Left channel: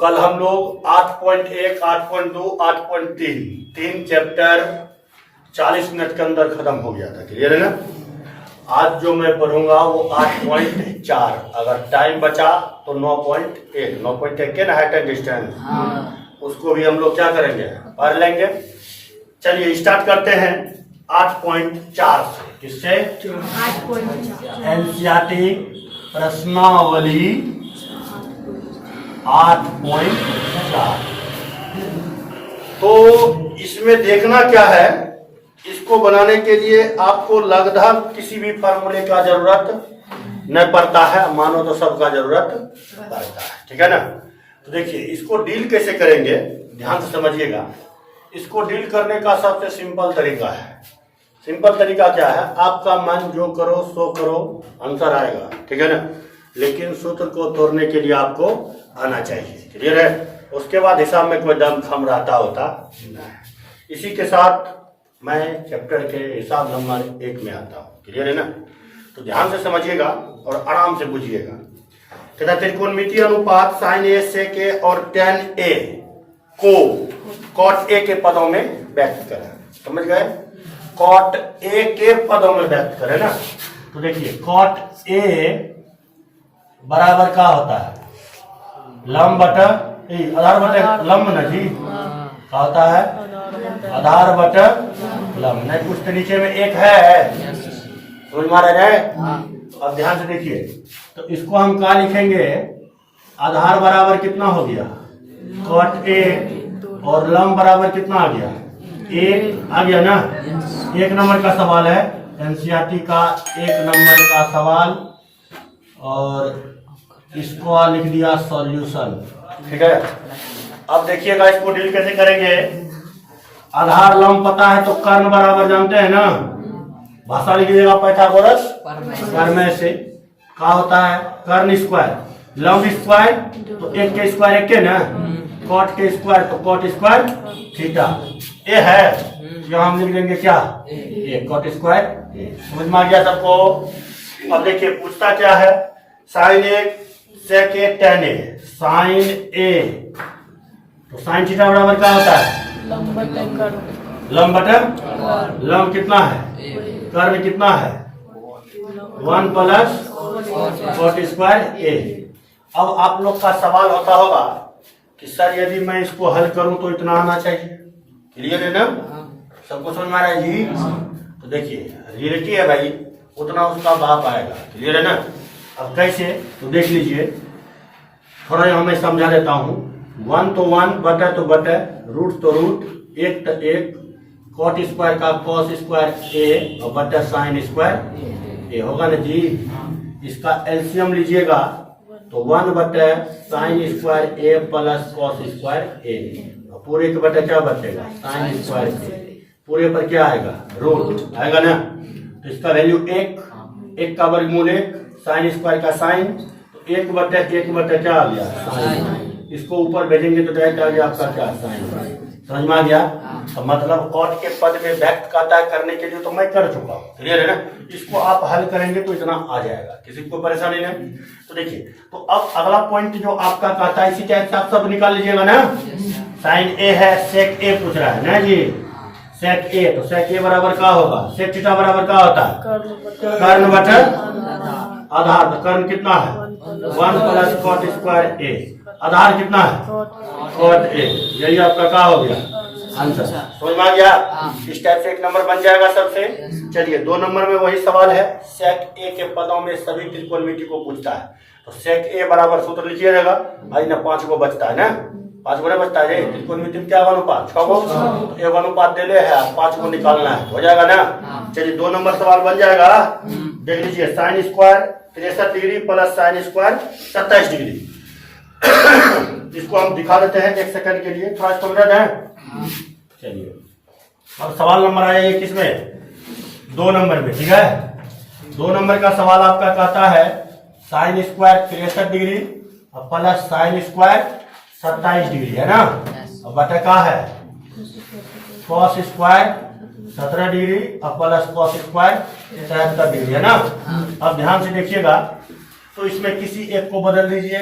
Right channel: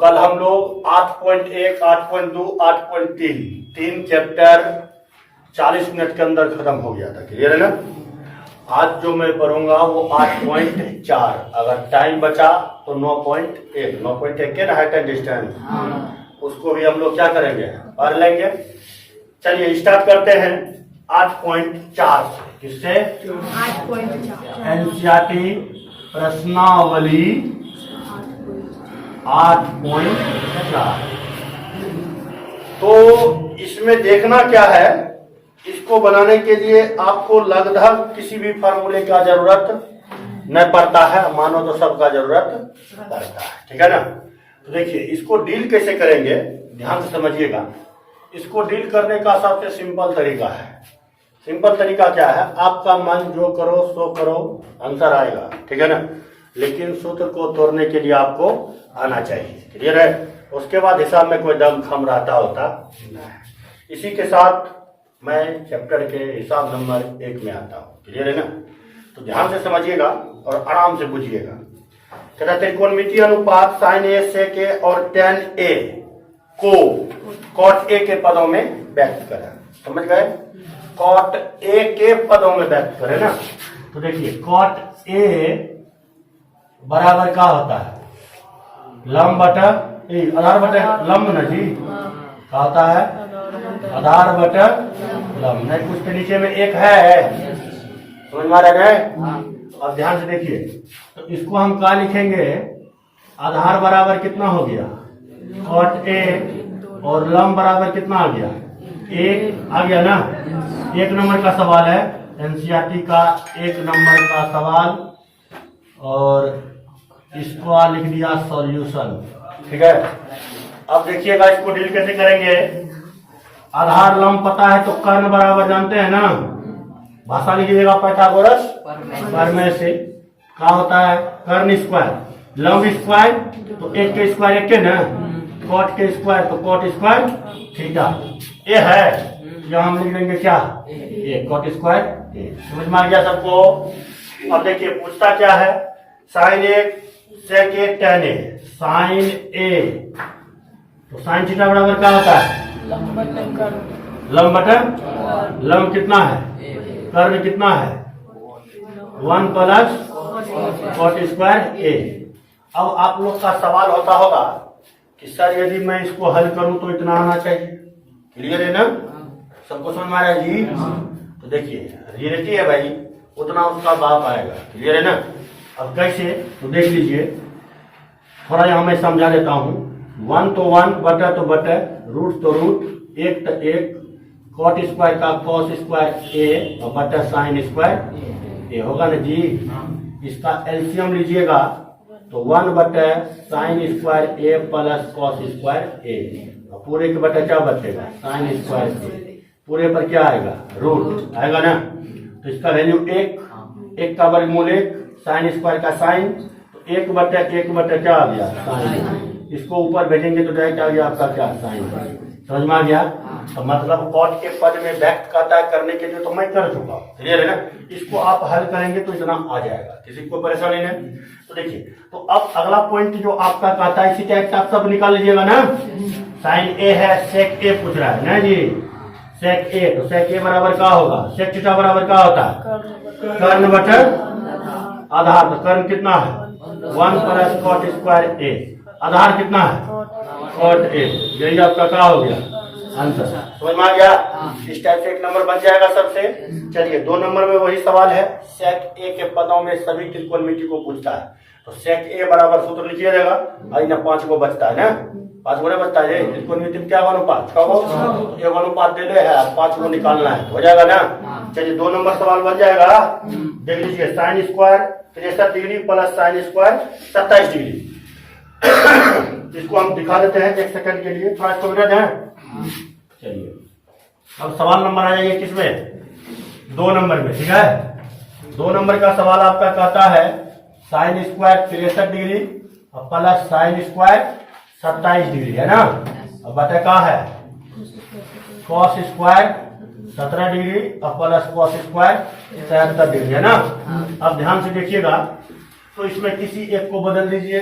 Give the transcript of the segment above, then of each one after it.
कल हम लोग 8.1, 8.2, 8.3 तीन चैप्टर 40 मिनट के अंदर खत्म हो गया था। क्लियर है ना। आज जो मैं पढ़ूंगा वो 8.4, अगर टाइम बचा तो 9.1, 9.1 के ना हाइट एंड डिस्टेंस, उसको भी हम लोग क्या करेंगे, पढ़ लेंगे। चलिए स्टार्ट करते हैं 8.4 से। किससे? एनसीईआरटी प्रश्नावली 8.4। तो इसमें देखना क्या है, इसको बनाने के लिए आपको लगभग किसी भी फार्मूले का जरूरत न पड़ता है, मानो तो सबका जरूरत पड़ता है। ठीक है ना। तो देखिए इसको डील कैसे करेंगे, ध्यान से समझिएगा। इसको डील करने का सबसे सिंपल तरीका है। सिंपल तरीका क्या है, आपका मन जो करो सो करो, आंसर आएगा। ठीक है ना। लेकिन सूत्र को तोड़ने के लिए आपको आना चाहिए। क्लियर है। उसके बाद हिसाब में कोई दम खम रहता होता नहीं। इसी के साथ मैं चैप्टर के हिसाब नंबर 1 में आता हूँ। क्लियर है ना। तो ध्यान से समझिएगा और आराम से बुझिएगा। कहता त्रिकोणमितीय अनुपात साइन ए सेक ए और टेन ए को कॉट ए के पदों में व्यक्त करें। समझ गए। कॉट ए के पदों में व्यक्त करें ना। तो देखिए कॉट ए बराबर क्या होता है, लंब बटा आधार बटा लंब ना जी, क्या होता है, आधार बटा लंब। नहीं कुछ तो नीचे में एक है, समझ में आ रहा है। अब ध्यान से देखिए, तो इसको हम क्या लिखेंगे, आधार बराबर कितना हो गया कॉट ए और लंब बराबर कितना आ गया, एक आ गया ना। 1 नंबर का सवाल है एनसीईआरटी का, 1 नंबर का सवाल, और इसको लिख दिया सॉल्यूशन। ठीक है। अब देखिएगा इसको डील कैसे करेंगे। आधार लंब पता है तो कर्ण बराबर जानते हैं ना, भाषा लिखिएगा पाइथागोरस प्रमेय से। क्या होता है, कर्ण स्क्वायर, लंब स्क्वायर तो 1 के स्क्वायर 1 के ना, कॉट के स्क्वायर तो कॉट स्क्वायर थीटा। ए है यहाँ हम लिख देंगे क्या, ए कॉट स्क्वायर ए। समझ में आ गया सबको। अब देखिए पूछता क्या है, साइन ए सेक ए टेन ए, साइन ए तो साइन थीटा बराबर क्या होता है, लंब बटा लंब कितना है, कर्ण कितना है 1 प्लस कॉट स्क्वायर ए। अब आप लोग का सवाल होता होगा कि सर यदि मैं इसको हल करूं तो इतना आना चाहिए। क्लियर है ना, सबको समझ में आ रहा है जी। तो देखिए रियलिटी है भाई, उतना उसका बाप आएगा। क्लियर है ना। अब कैसे, तो देख लीजिए, थोड़ा यहाँ मैं समझा देता हूँ। 1 तो 1, बटा तो बटा, रूट तो रूट, 1 तो 1, कॉट स्क्वायर का कॉस स्क्वायर ए और बटा साइन स्क्वायर ए होगा ना जी। इसका एलसीएम लीजिएगा तो 1 बटा साइन स्क्वायर ए प्लस कॉस स्क्वायर ए, पूरे के बटा क्या बचेगा, साइन स्क्वायर ए, पूरे पर क्या आएगा, रूट आएगा ना। तो इसका वैल्यू 1 का वर्गमूल 1, साइन स्क्वायर का साइन, तो 1 बटा क्या आ गया, साइन। इसको ऊपर भेजेंगे तो डायरेक्ट आ गया आपका क्या, साइन। समझ में आ गया। तो मतलब कॉट के पद में व्यक्त करता करने के लिए तो मैं कर चुका हूँ। क्लियर है ना। इसको आप हल करेंगे तो इतना आ जाएगा, किसी को परेशानी नहीं। तो देखिए, तो अब अगला पॉइंट जो आपका कहता है, इसी टाइप से आप सब निकाल लीजिएगा ना। साइन ए है, सेक ए पूछ रहा है ना जी, सेक ए, तो सेक ए बराबर क्या होगा, सेक थीटा बराबर क्या होता है, कर्ण बटा आधार। तो कर्ण कितना है 1 प्लस कॉट स्क्वायर ए, आधार कितना है कॉट ए। यही आपका क्या हो गया आंसर। समझ में आ गया। इस टाइप से 1 नंबर बन जाएगा सबसे। चलिए 2 नंबर में वही सवाल है, सेक ए के पदों में सभी त्रिकोणमिति को पूछता है। तो सेक ए बराबर सूत्र लिखिए रहेगा, भाई ना 5 को बचता है ना, 5 को बचता है त्रिकोणमिति में क्या अनुपात, 6 को, 1 अनुपात दे ले है, 5 को निकालना है, हो जाएगा ना। चलिए 2 नंबर सवाल बन जाएगा। देख लीजिए, sine square 63 degree plus sine square 27 degree. इसको हम दिखा देते हैं 1 सेकंड के लिए, थोड़ा इसको मिटा दें। चलिए अब सवाल नंबर आया ये किसमें, 2 नंबर में। ठीक है। 2 नंबर का सवाल आपका कहता है साइन स्क्वायर 63 डिग्री और प्लस साइन स्क्वायर 27 डिग्री है ना। अब बटा क्या है, कॉस स्क्वायर 17 डिग्री और प्लस कॉस स्क्वायर 73 डिग्री है ना। अब ध्यान से देखिएगा, तो इसमें किसी एक को बदल दीजिए।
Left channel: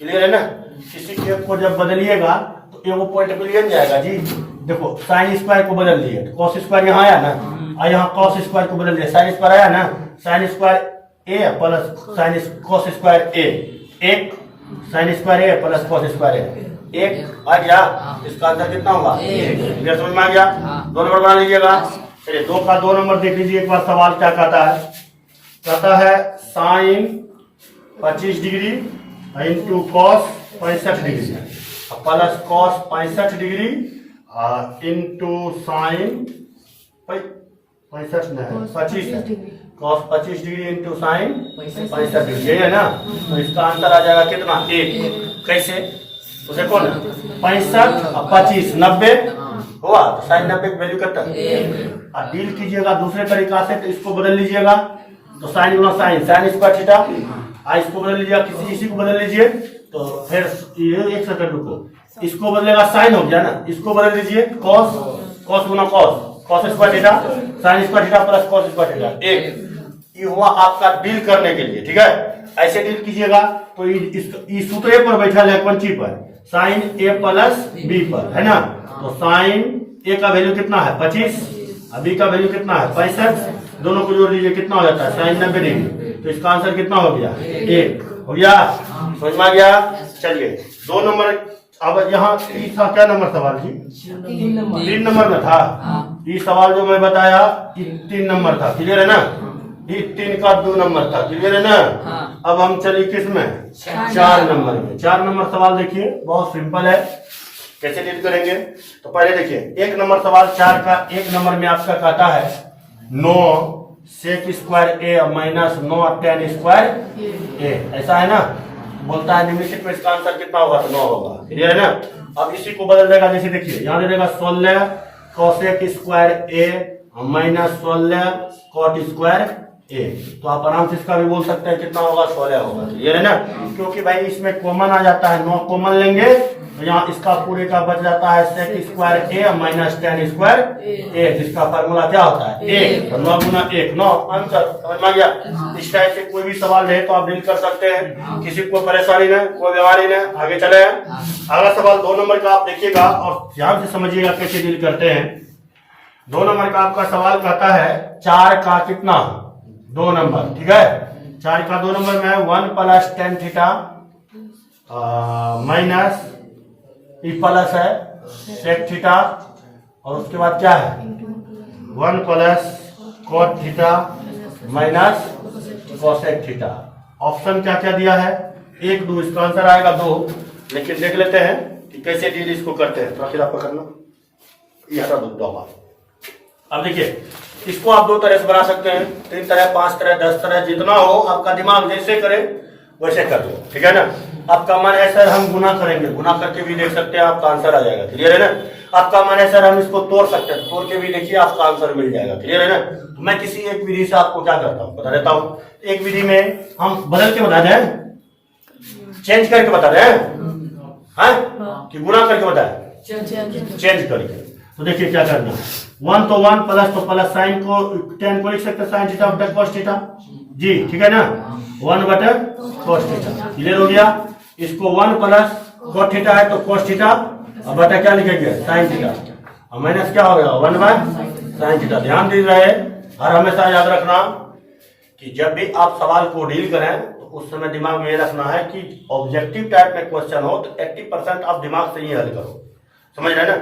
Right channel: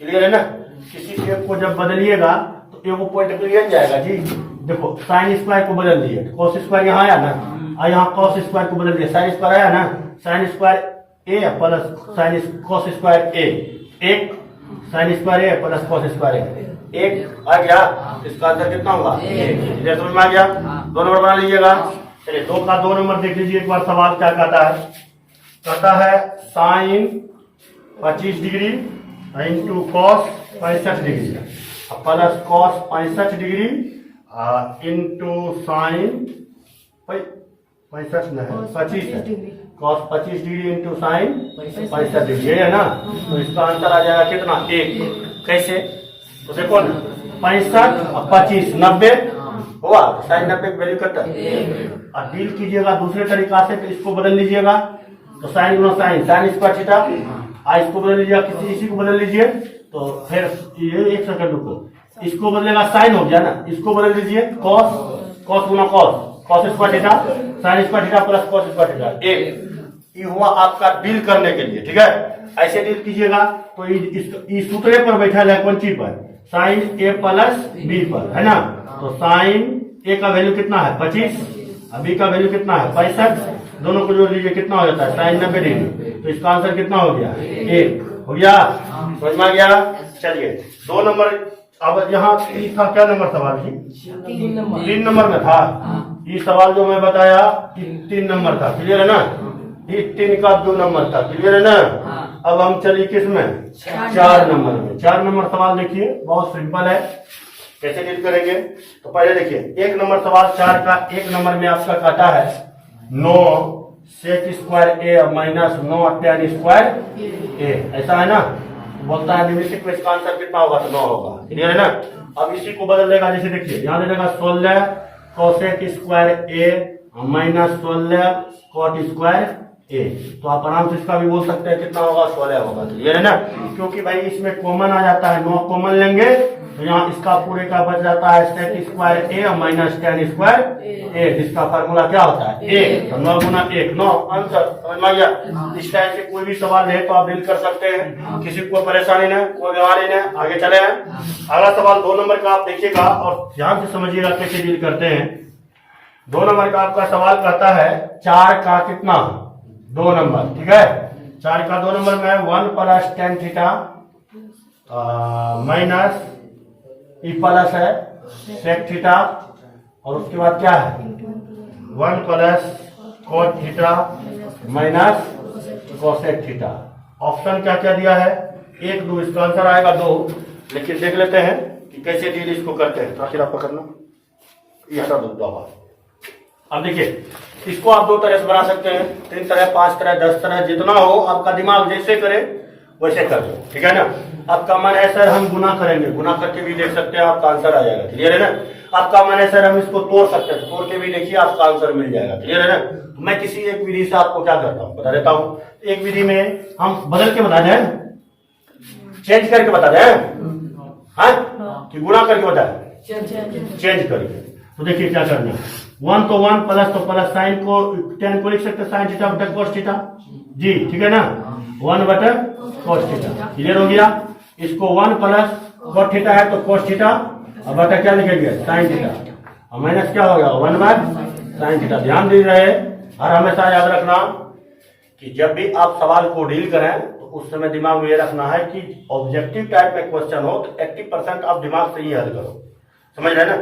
क्लियर है ना। किसी एक को जब बदलिएगा तो एक पॉइंट मिल जाएगा जी। देखो साइन स्क्वायर को बदल दिए तो कॉस स्क्वायर यहाँ आया ना, और यहाँ कॉस स्क्वायर को बदल दिया साइन स्क्वायर आया ना, साइन स्क्वायर ए प्लस साइन कॉस स्क्वायर ए, एक साइन स्क्वायर ए प्लस कॉस स्क्वायर ए, एक आ गया। इसका आंसर कितना होगा? ये समझ में आ गया। 2 नंबर बना लीजिएगा। चलिए 2 का 2 नंबर देख लीजिए एक बार सवाल क्या कहता है। कहता है sine 25 degree into cos 65 degree plus cos 65 degree into sine 65 नहीं 25 है, cos 25 degree into sine 65 degree, ये है ना। तो इसका आंसर आ जाएगा कितना? 1। कैसे? तो देखो ना 65 और 25 90 हुआ, तो साइन 90 की वैल्यू कितना है। अब डील कीजिएगा दूसरे तरीका से, तो इसको बदल लीजिएगा तो साइन गुना साइन साइन स्क्वायर थीटा, इसको बदल लीजिएगा किसी इसी को बदल लीजिए तो फिर ये 1 सेकंड रुको, इसको बदलेगा साइन हो गया ना, इसको बदल दीजिए कॉस, कॉस गुना cos, cos square theta sine square theta plus cos square theta 1। ये हुआ आपका डील करने के लिए, ठीक है। ऐसे डील कीजिएगा तो इस सूत्र पर बैठा है कौन ची पर, साइन ए प्लस बी पर, है ना। तो साइन ए का वैल्यू कितना है 25, बी का वैल्यू कितना है 65, दोनों को जोड़ लीजिए कितना हो जाता है साइन 90 डिग्री। तो इसका आंसर कितना हो गया? 1 हो गया। समझ में आ गया। चलिए 2 नंबर। अब यहाँ था क्या नंबर सवाल जी? 3 नंबर में था। ये सवाल जो मैं बताया 3 नंबर था, क्लियर है ना। ये 3 का 2 नंबर था, क्लियर है ना। अब हम चलिए किस में? 4 नंबर में। 4 नंबर सवाल देखिए बहुत सिंपल है, कैसे डील करेंगे। तो पहले देखिए 1 नंबर सवाल 4 का 1 नंबर में आपका काटा है 9 sec square A minus 9 tan square ए, ऐसा है ना। बोलता है निम्नलिखित में इसका आंसर कितना होगा? तो 9 होगा, क्लियर है ना। अब इसी को बदल देगा, जैसे देखिए यहाँ दे देगा 16 cosec square A minus 16 cot square ए। तो आप आराम से इसका भी बोल सकते हैं कितना होगा? 16 होगा, क्लियर है ना। क्योंकि भाई इसमें कॉमन आ जाता है, 9 कॉमन लेंगे तो यहाँ इसका पूरे का बच जाता है sec square A minus tan square ए, जिसका फार्मूला क्या होता है? 1। तो 9 गुना 1 9 आंसर। समझ में आ गया। इस टाइप से कोई भी सवाल है तो आप डील कर सकते हैं, किसी को परेशानी न, कोई बीमारी न। आगे चले अगला सवाल 2 नंबर का आप देखिएगा और ध्यान से समझिएगा कैसे डील करते हैं। 2 नंबर का आपका सवाल कहता है 4 का कितना? 2 नंबर, ठीक है। 4 का 2 नंबर में 1 प्लस tan थीटा माइनस ई प्लस है सेक थीटा, और उसके बाद क्या है 1 plus cot theta minus cosec theta. Option क्या क्या दिया है? 1 2, इसका आंसर आएगा 2। लेकिन देख लेते हैं कि कैसे डील इसको करते हैं। तो फिर आप पकड़ना, ये हटा दो। अब देखिए इसको आप 2 तरह से बना सकते हैं, 3 तरह 5 तरह 10 तरह, जितना हो आपका दिमाग जैसे करे वैसे कर लो, ठीक है ना। आपका मन है सर हम गुना करेंगे, गुना करके भी देख सकते हैं, आपका आंसर आ जाएगा, क्लियर है ना। आपका मन है सर हम इसको तोड़ सकते हैं, तोड़ के भी देखिए आपका आंसर मिल जाएगा, क्लियर है ना। तो मैं किसी एक विधि से आपको क्या करता हूँ बता देता हूँ। एक विधि में हम बदल के बता दें, चेंज करके बता दें, कि गुना करके बताए चेंज करके। तो देखिए क्या करना है, 1 तो 1 प्लस तो प्लस साइन को tan को लिख सकते हैं साइन थीटा बटा कॉस थीटा जी, ठीक है ना। 1 बटा कॉस थीटा, क्लियर हो गया। इसको 1 प्लस कॉस थीटा है तो कॉस थीटा और बटा क्या लिखेंगे साइन थीटा, और माइनस क्या होगा 1 बाय साइन थीटा। ध्यान दे रहे और हमेशा याद रखना कि जब भी आप सवाल को डील करें तो उस समय दिमाग में ये रखना है कि ऑब्जेक्टिव टाइप में क्वेश्चन हो तो 80% आप दिमाग से ही हल करो, समझ रहे ना।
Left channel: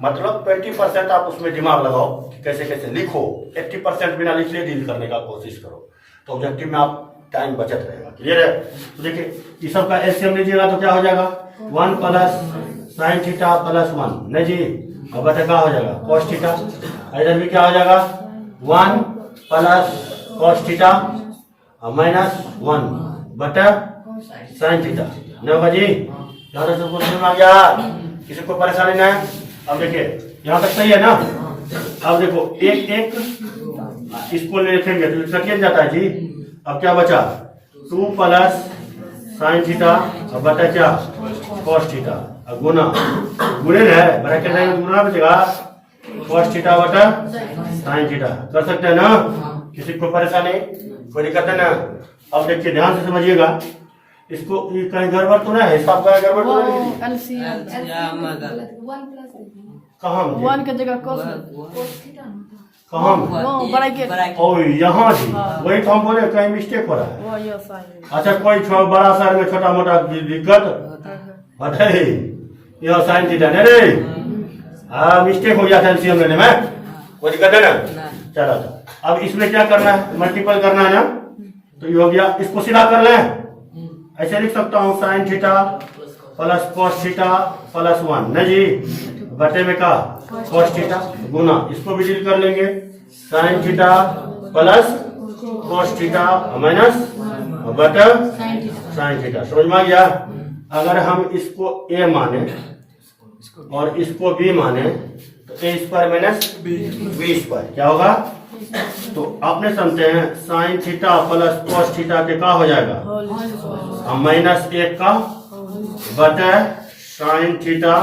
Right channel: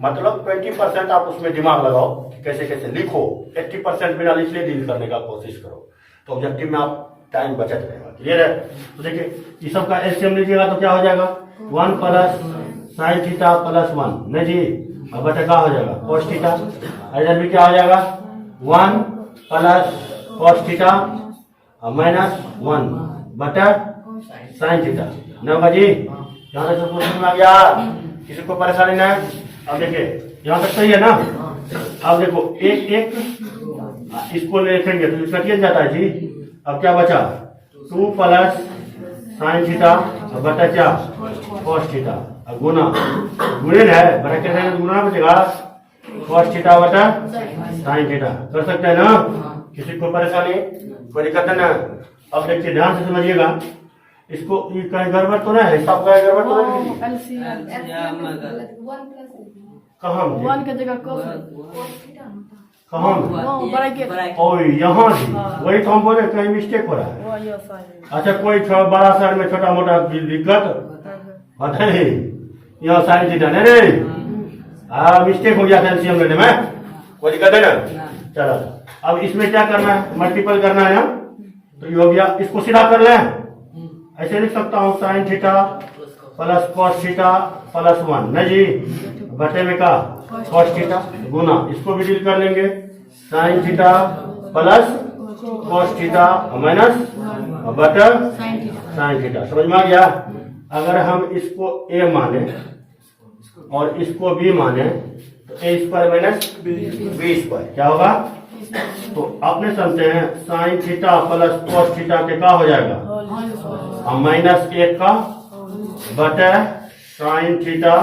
मतलब 20% आप उसमें दिमाग लगाओ कि कैसे कैसे लिखो, 80% बिना लिखे डील करने का कोशिश करो, तो ऑब्जेक्टिव में आप टाइम बचत रहेगा, क्लियर है। तो देखिए इस सब का एलसीएम लीजिएगा तो क्या हो जाएगा 1 प्लस साइन थीटा प्लस 1 नहीं जी, अब बटा क्या हो जाएगा कॉस थीटा। इधर भी क्या हो जाएगा 1 प्लस कॉस थीटा माइनस 1 बटा साइन थीटा नहीं होगा जी। यहाँ तक सबको समझ में आ गया, किसी को परेशानी ना है। अब देखिए यहाँ तक सही है ना। अब देखो एक एक इसको लिखेंगे तो कटिए जाता है जी। अब क्या बचा 2 प्लस साइन थीटा बटा क्या कॉस थीटा, गुना गुणे है ब्रैकेट में गुना बचेगा कॉस थीटा बटा साइन थीटा। कर सकते हैं ना, किसी को परेशानी कोई दिक्कत है ना। अब देखिए ध्यान से समझिएगा, इसको ये कहीं गड़बड़ तो नहीं है, हिसाब का गड़बड़ तो नहीं है? कहाँ में? वन की जगह cos कहाँ में? ब्रैकेट ओ यहाँ जी, वही तो हम बोले कहीं मिस्टेक हो रहा है। वो ये साइन अच्छा कोई बड़ा शहर में छोटा मोटा दिक्कत बताइए, यहाँ साइन थीटा नहीं रे, मिस्टेक हो गया था एलसीएम लेने में, कोई दिक्कत है ना? चलो अब इसमें क्या करना है, मल्टीपल करना है यहाँ, तो ये हो गया। इसको सीधा करना है, ऐसे लिख सकता हूँ sine theta plus cos theta plus 1 नहीं जी, बटे में का कॉस थीटा गुना, इसको भी डील कर लेंगे, sine theta plus cos theta minus बटे साइन थीटा। समझ में आ गया? अगर हम इसको a माने और इसको b माने तो a square minus b square क्या होगा? तो आपने समझते हैं sine theta plus cos theta के का हो जाएगा, माइनस 1 का बटे साइन थीटा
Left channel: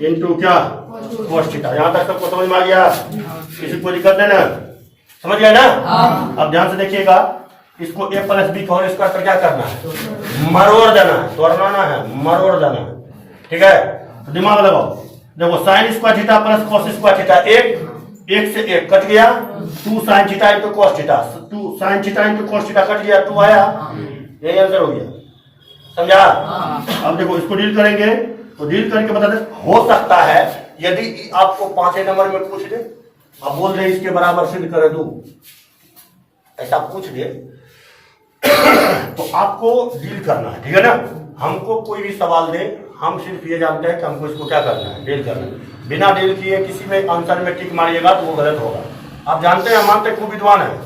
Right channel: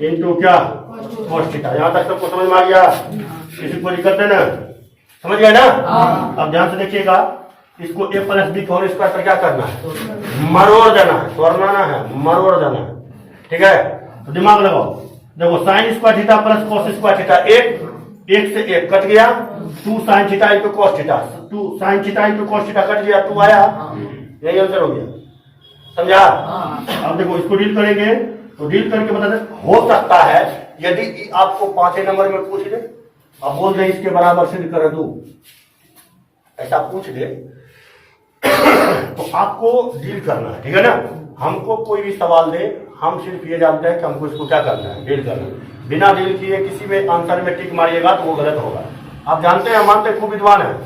इंटू क्या कॉस थीटा। यहाँ तक सबको समझ में आ गया? किसी को दिक्कत है ना? समझ गए ना? अब ध्यान से देखिएगा, इसको a plus b whole square पर क्या करना है, मरोड़ देना है, तोड़ना है, मरोड़ देना है, ठीक है? तो दिमाग लगाओ, देखो sign square theta plus cos square theta, एक से एक कट गया, 2 sine theta into cos theta, 2 sine theta into cos theta cut गया, 2 आया, यही आंसर हो गया। समझा? अब देखो इसको डील करेंगे, तो डील करके बता दे, हो सकता है यदि आपको 5 नंबर में पूछ दे, अब बोल रहे इसके बराबर सिद्ध कर दो, ऐसा पूछ दे तो आपको डील करना है, ठीक है ना? हमको कोई भी सवाल दे, हम सिर्फ ये जानते हैं कि हमको इसको क्या करना है, डील करना है। बिना डील किए किसी में आंसर में टिक मारिएगा तो वो गलत होगा। आप जानते हैं, मानते हैं खूब विद्वान है,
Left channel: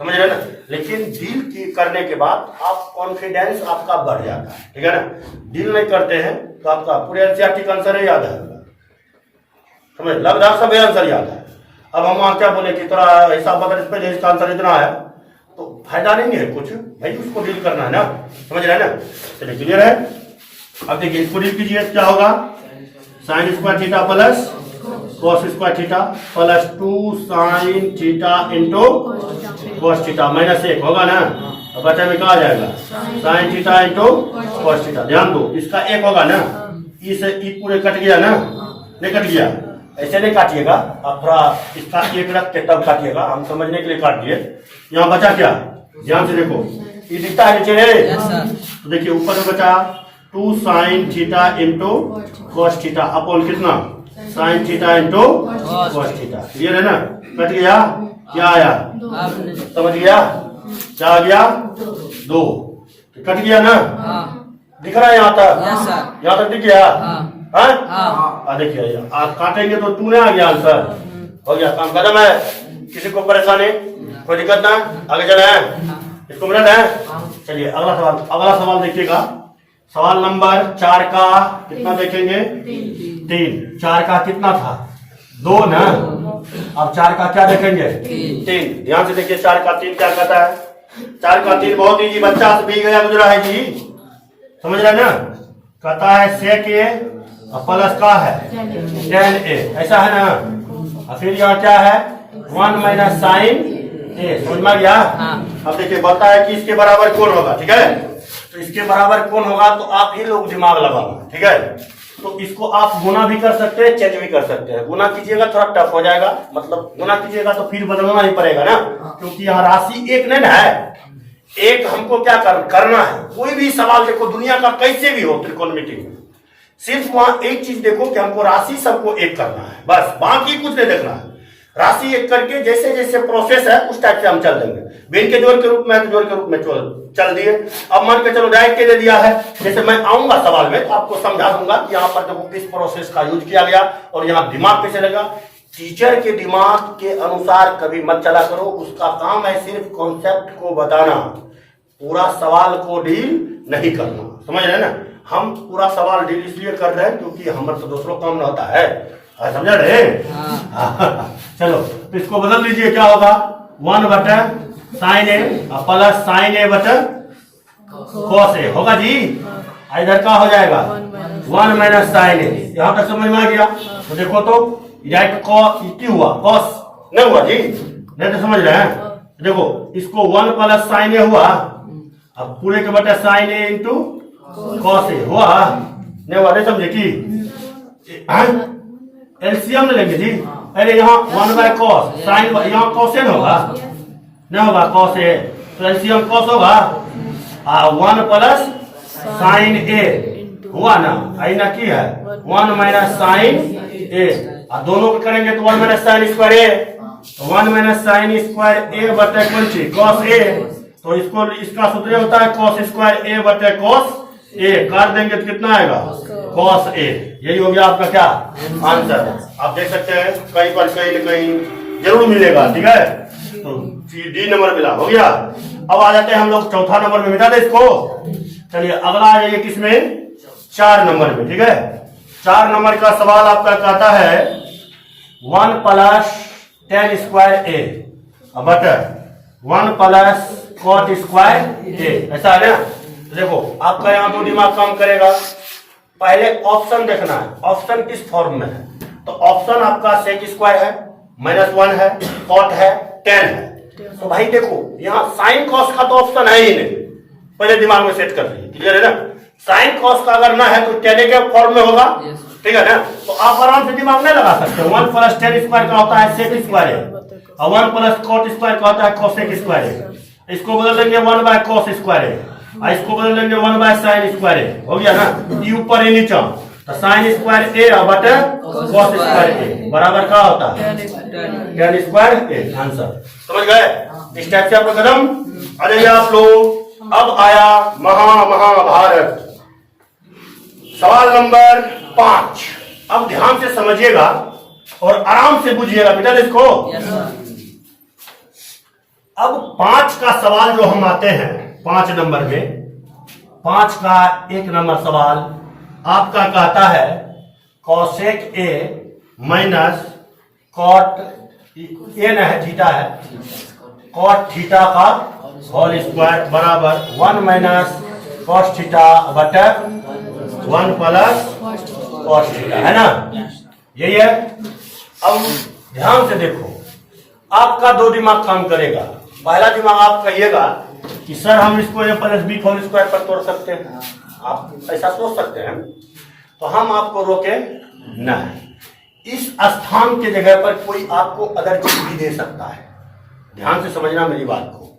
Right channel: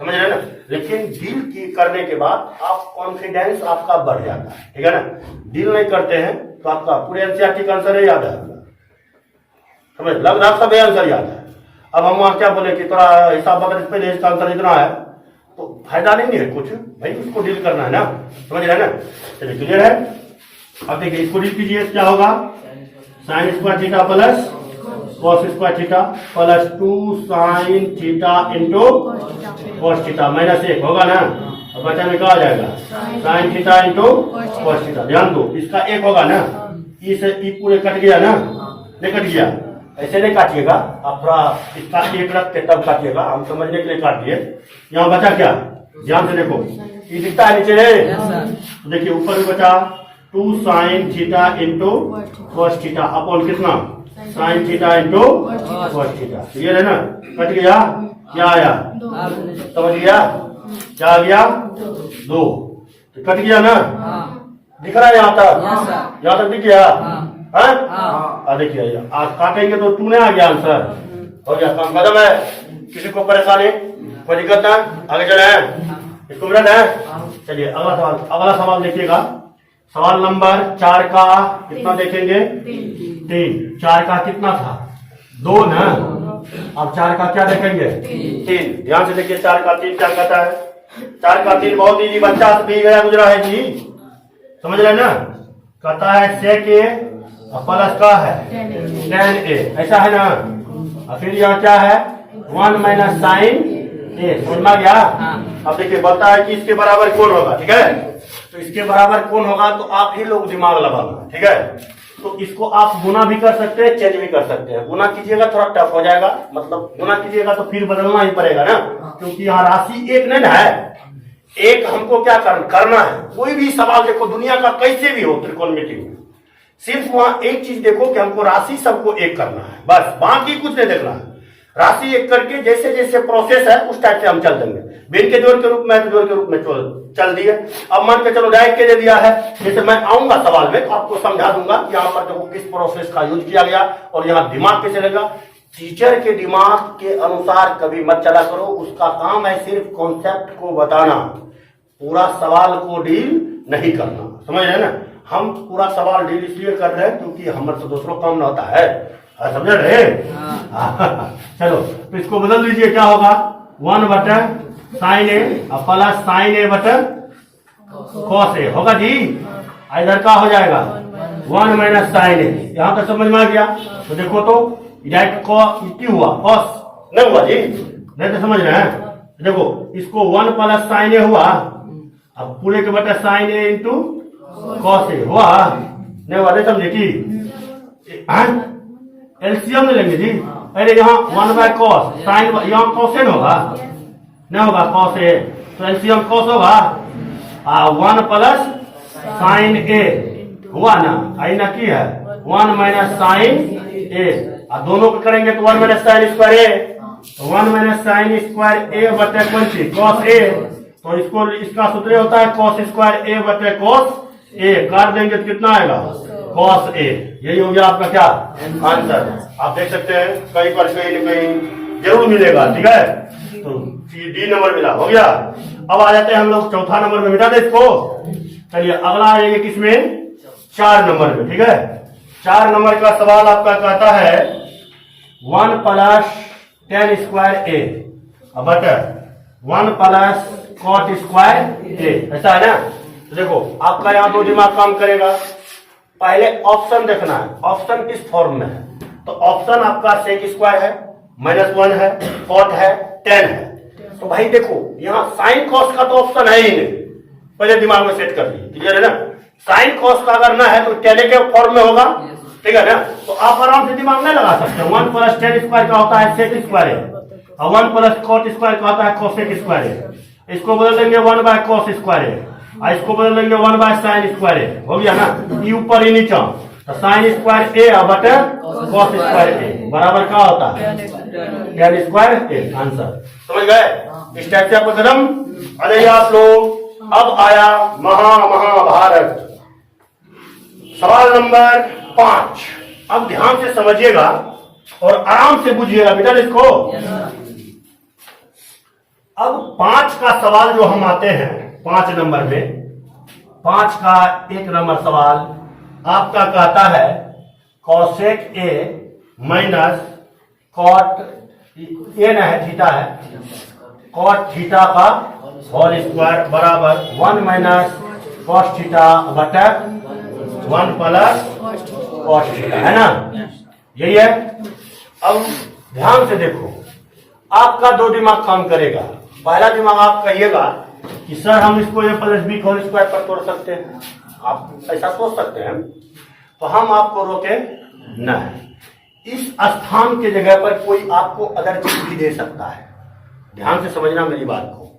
समझ रहे ना? लेकिन डील करने के बाद आप कॉन्फिडेंस आपका बढ़ जाता है, ठीक है ना? डील नहीं करते हैं तो आपका पूरे एनसीईआरटी का आंसर याद है, समझ लगभग सब आंसर याद है। अब हम वहां क्या बोले कि थोड़ा हिसाब बता, पहले इसका आंसर इतना है तो फायदा नहीं है कुछ, भाई उसको डील करना है ना, समझ रहे हैं ना? चलिए क्लियर है? अब देखिए इसको डील कीजिए, क्या होगा, sign square theta plus cos square theta plus 2 sine theta into cos theta minus 1 होगा ना? अब बचा में क्या आ जाएगा, sign theta into cos theta. ध्यान दो, इसका 1 होगा ना, ई से ई पूरे कट गया ना, नहीं कट गया, ऐसे नहीं काटिएगा आप, थोड़ा इसका 1 रख के तब काटिएगा, हम समझने के लिए काट दिए। यहाँ बचा क्या, ध्यान से देखो, ये दिखता है नीचे रे, तो देखिए ऊपर में बचा 2 sine theta into cos theta upon कितना, sine theta into cos theta. Clear है ना? कट गया, क्या आया, समझ गया? क्या आ गया, 2, कट गया ना? दिख रहा है यहाँ तक? यहाँ तक दिख गया? हाँ, देखिए काटेंगे तो 2 नहीं आ गया, आंसर हो गया, काम खत्म है। किसी को परेशानी, कोई दिक्कत ना, आगे चले हैं, इसको मिनट है। चलिए अगला सवाल देखिएगा, सवाल नंबर 4 का कितना देखेंगे, 3। 4 का कितना था, 2 ना, अब 4 का क्या देखेंगे, 3। ध्यान से देखिए 4 का 3 क्या कहता है, 4 का 3 बहुत ही बच्चा भी गया गुजरा है जी, समझ रहे ना? कहता है सेक ए प्लस का है tan a, ऐसा है ना? और फिर यहाँ क्या है, 1 माइनस साइन ए, समझ में आ गया? अब देखिए बताता है कि इसके बराबर कौन होगा, ठीक है? तो इसके बराबर कौन होगा तो आप ही लोग दिमाग लगाना, ठीक है? तो इसको आप गुना भी कर सकते हैं, चेंज भी कर सकते हैं। गुना कीजिएगा थोड़ा टफ हो जाएगा, मतलब गुना कीजिएगा तो फिर बदलना ही पड़ेगा ना, क्योंकि यहाँ राशि एक नहीं है, एक हमको क्या करना है। कोई भी सवाल देखो दुनिया का कैसे भी हो त्रिकोणमिति में, सिर्फ वहां एक चीज देखो कि हमको राशि सबको एक करना है, बस, बाकी कुछ नहीं देखना है। राशि एक करके जैसे जैसे प्रोसेस है उस टाइप से हम चल देंगे। बिन के जोड़ के रूप में, जोड़ के रूप में चल दिए। अब मान के चलो डायरेक्ट के दे दिया है, जैसे मैं आऊंगा सवाल में तो आपको समझा दूंगा यहाँ पर देखो किस प्रोसेस का यूज किया गया और यहाँ दिमाग कैसे लगा। टीचर के दिमाग के अनुसार कभी मत चला करो, उसका काम है सिर्फ कॉन्सेप्ट को बताना, पूरा सवाल को डील नहीं करना, समझ रहे हैं ना? हम पूरा सवाल डील इसलिए कर रहे हैं क्योंकि हमारे तो दूसरों काम ना होता है, समझ रहे? चलो तो इसको बदल दीजिए, क्या होगा, 1 बटे साइन ए प्लस साइन ए बटे कॉस ए होगा जी। इधर का हो जाएगा 1 माइनस साइन ए, यहाँ तक समझ में आ गया? तो देखो तो डायरेक्ट क्यों हुआ, कॉस नहीं हुआ जी, नहीं तो समझ रहे हैं? देखो इसको 1 प्लस साइन ए हुआ अब पूरे के बटे sign A into cos A हुआ नहीं हुआ, नहीं समझे कि एलसीएम ले लेंगे जी। अरे यहाँ 1/cos साइन, यहाँ कॉसेन होगा नहीं होगा, कॉस ए तो एलसीएम कॉस होगा 1 प्लस साइन ए हुआ ना, आई ना की है 1 माइनस साइन ए, दोनों को करेंगे तो 1 माइनस साइन स्क्वायर ए, तो 1 माइनस साइन स्क्वायर ए बटे कौन सी कॉस ए, तो इसको इसका सूत्र होता है कॉस स्क्वायर ए बटे कॉस ए, काट देंगे तो कितना आएगा कॉस ए। यही हो गया आपका क्या आंसर। आप देख सकते हैं कहीं पर कहीं न कहीं जरूर मिलेगा, ठीक है। तो डी नंबर मिला, हो गया। अब आ जाते हैं हम लोग चौथा नंबर में, मिटा दे इसको। चलिए अगला आ जाइए किसमें, 4 नंबर में, ठीक है। 4 नंबर का सवाल आपका कहता है 1 प्लस tan स्क्वायर ए बटे 1 प्लस कॉट स्क्वायर ए, ऐसा है ना। तो देखो आपका यहाँ दो दिमाग काम करेगा, पहले ऑप्शन देखना है, ऑप्शन किस फॉर्म में है। तो ऑप्शन आपका सेक स्क्वायर है, -1 है, कॉट है, tan है। तो भाई देखो यहाँ साइन कॉस का तो ऑप्शन है ही नहीं, पहले दिमाग में सेट कर लीजिए, क्लियर है ना। साइन कॉस का अगर ना है तो tan के फॉर्म में होगा, ठीक है ना। तो आप आराम से दिमाग नहीं लगा सकते। 1 प्लस tan स्क्वायर का होता है सेक स्क्वायर है, और 1 प्लस कॉट स्क्वायर का होता है कोसेक स्क्वायर है। इसको बदल देंगे 1/cos स्क्वायर है, और इसको बदल देंगे 1/sin स्क्वायर है, हो गया ना। ये ऊपर ही नीचा, तो साइन स्क्वायर ए बटे कॉस स्क्वायर ए बराबर क्या होता है tan स्क्वायर ए, आंसर समझ गए। इस टाइप से आपको कदम आ जाइए आप लोग। अब आया महाभारत, सवाल नंबर 5। अब ध्यान से समझिएगा और आराम से बुझिएगा बेटा इसको। अब 5 का सवाल जो हम आते हैं 5 नंबर में, 5 का 1 नंबर सवाल आपका कहता है cosec A minus cot A न है थीटा है, कॉट थीटा का होल स्क्वायर बराबर 1 माइनस कॉस थीटा बटे 1 प्लस कॉस थीटा, है ना, यही है। अब ध्यान से देखो, आपका दो दिमाग काम करेगा। पहला दिमाग आप कहिएगा कि सर हम इसको ए प्लस बी होल स्क्वायर पर तोड़ सकते हैं, आप ऐसा सोच सकते हैं, तो हम आपको रोके न है। इस स्थान के जगह पर कोई आपको अदर चीज भी दे सकता है, ध्यान से समझना मेरी बात को।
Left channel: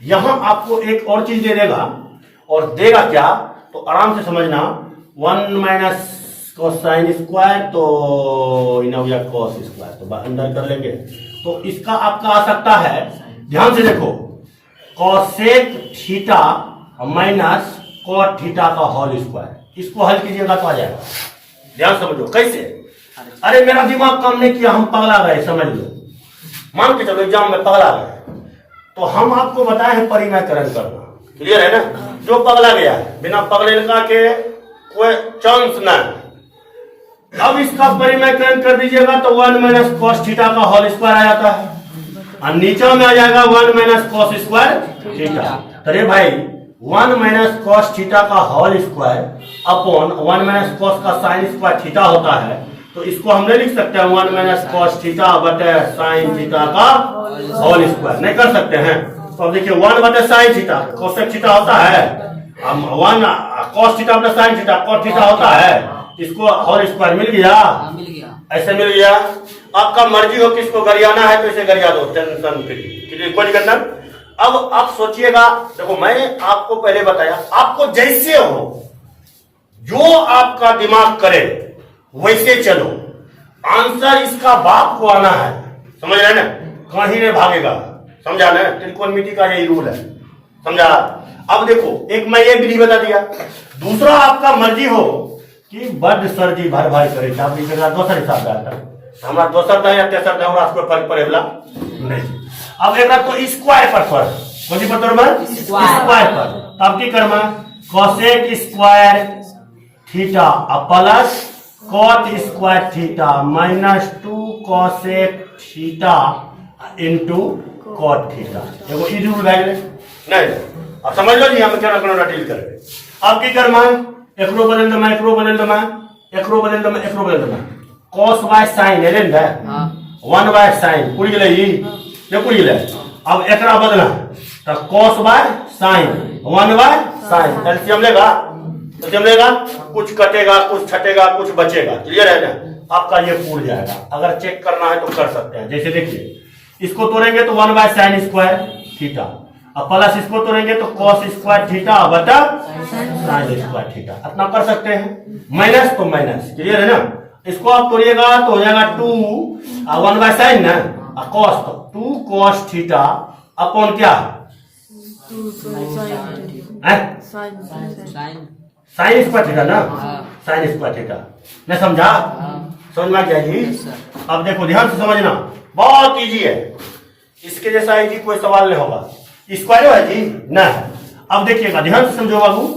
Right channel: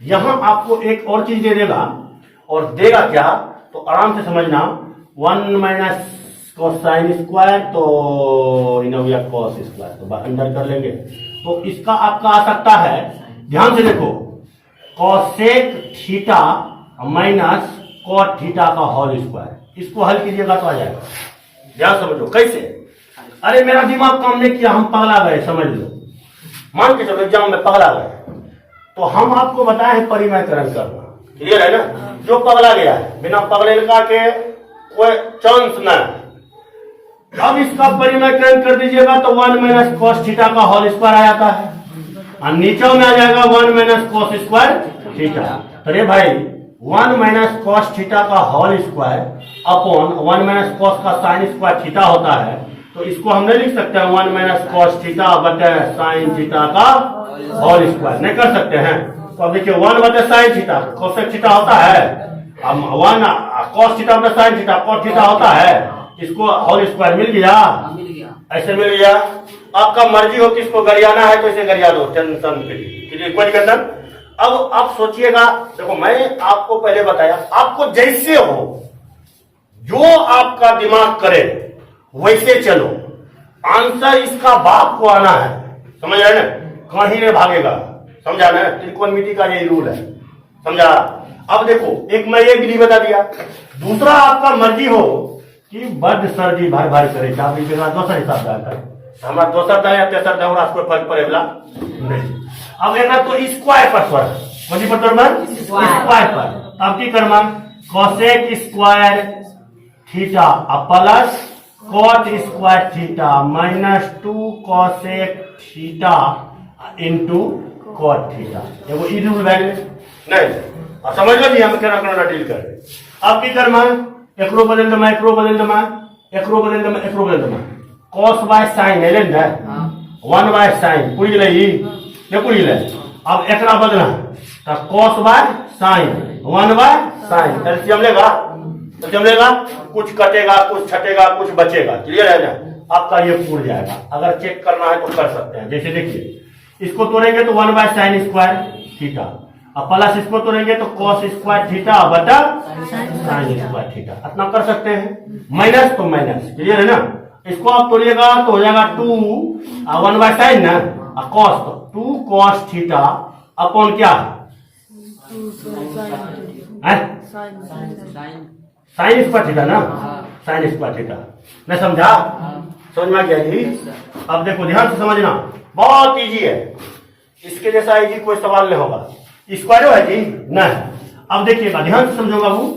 यहां आपको एक और चीज दे देगा, और देगा क्या तो आराम से समझना, 1 माइनस कोसाइन स्क्वायर तो कॉस स्क्वायर, तो अंदर कर लेंगे। तो इसका आपका आ सकता है, ध्यान से देखो, cosec theta minus cot theta का होल स्क्वायर, इसको हल कीजिएगा तो आ जाएगा। ध्यान समझो कैसे। अरे मेरा दिमाग काम नहीं किया, हम पगला गए, समझ लो, मान के चलो एग्जाम में पगला गए, तो हम आपको बताए हैं परिमयकरण करना, क्लियर है ना। जो पगला गया है बिना पगले का के कोई चांस ना। अब इसका परिमयकरण कर दीजिएगा तो 1 माइनस कॉस थीटा का होल स्क्वायर आ जाता है, और नीचे में आ जाएगा 1 माइनस कॉस स्क्वायर थीटा। तो रे भाई 1 माइनस कॉस थीटा का whole square upon 1 minus cos का साइन स्क्वायर थीटा होता है, तो इसको हम नहीं लिख सकते हैं 1 माइनस कॉस थीटा बटे साइन थीटा का होल स्क्वायर, नहीं कर सकते हैं। तो अब देखिए 1 बटे साइन थीटा कोसेक थीटा होता है, 1 कॉस थीटा बटे साइन थीटा कॉट थीटा होता है, इसको होल स्क्वायर मिल गया, ऐसे मिल गया। आपका मर्जी हो किसको गरियाना है तो इसे गरिया दो, टेंशन फ्री, कोई करना। अब आप सोचिएगा, देखो मैं आपको पहले बताया, आपको जैसे हो, जो आपका दिमाग करे वैसे चलो, आंसर इसका बाप को आना है, समझ रहे ना, कहीं नहीं भागेगा, समझा ना। त्रिकोणमिति का यही रूल है, समझा। अब देखो, एक मैं ये विधि बता दिया, दूसरा आपका मर्जी हो कि बड सर्दी भर भर करे, दोसर हिसाब से आता है, हमारा दोसर था या तेसर था, कोई फर्क पड़ेगा नहीं। अब एक तो स्क्वायर पर कौन पर तोड़ना, स्क्वायर पर, अब की करना, cosec square theta plus cot square theta minus 2 cosec theta into cot theta, एगो ई रूल भए गेलै नहीं। अब समझ लो जी हम केना केना डील करबे। अब की करना, एकरो बदल दमा, एकरो बदल दमा, एकरो बदल दमा, एकरो बदल दमा, cos बाय sin एले न 1 बाय sin पूरी गेलै, ई ने पूरी गेलै। अब एकरा बदलना तो cos by sine, 1/sin। LCM लेगा, एलसीएम लेगा, कुछ कटेगा, कुछ छटेगा, कुछ बचेगा। क्लियर है ना? आपका ये पूर जाएगा। अगर चेक करना है तो कर सकते हैं। जैसे देखिए, इसको तोड़ेंगे तो 1/sin² थीटा, अब प्लस इसको तोड़ेंगे तो cos² थीटा बटा sin² थीटा। इतना कर सकते हैं। माइनस तो माइनस, क्लियर है ना? इसको आप तोड़िएगा तो हो जाएगा 1/sin ना, cos तो 2 cos थीटा अपॉन क्या है, sin² थीटा ना, sin² थीटा। नहीं समझा? समझ में आ गया जी? अब देखो ध्यान से समझना, बहुत इजी है। इसके जैसा इजी कोई सवाल नहीं होगा। स्क्वायर है जी ना। अब देखिएगा, ध्यान से समझो बाबू।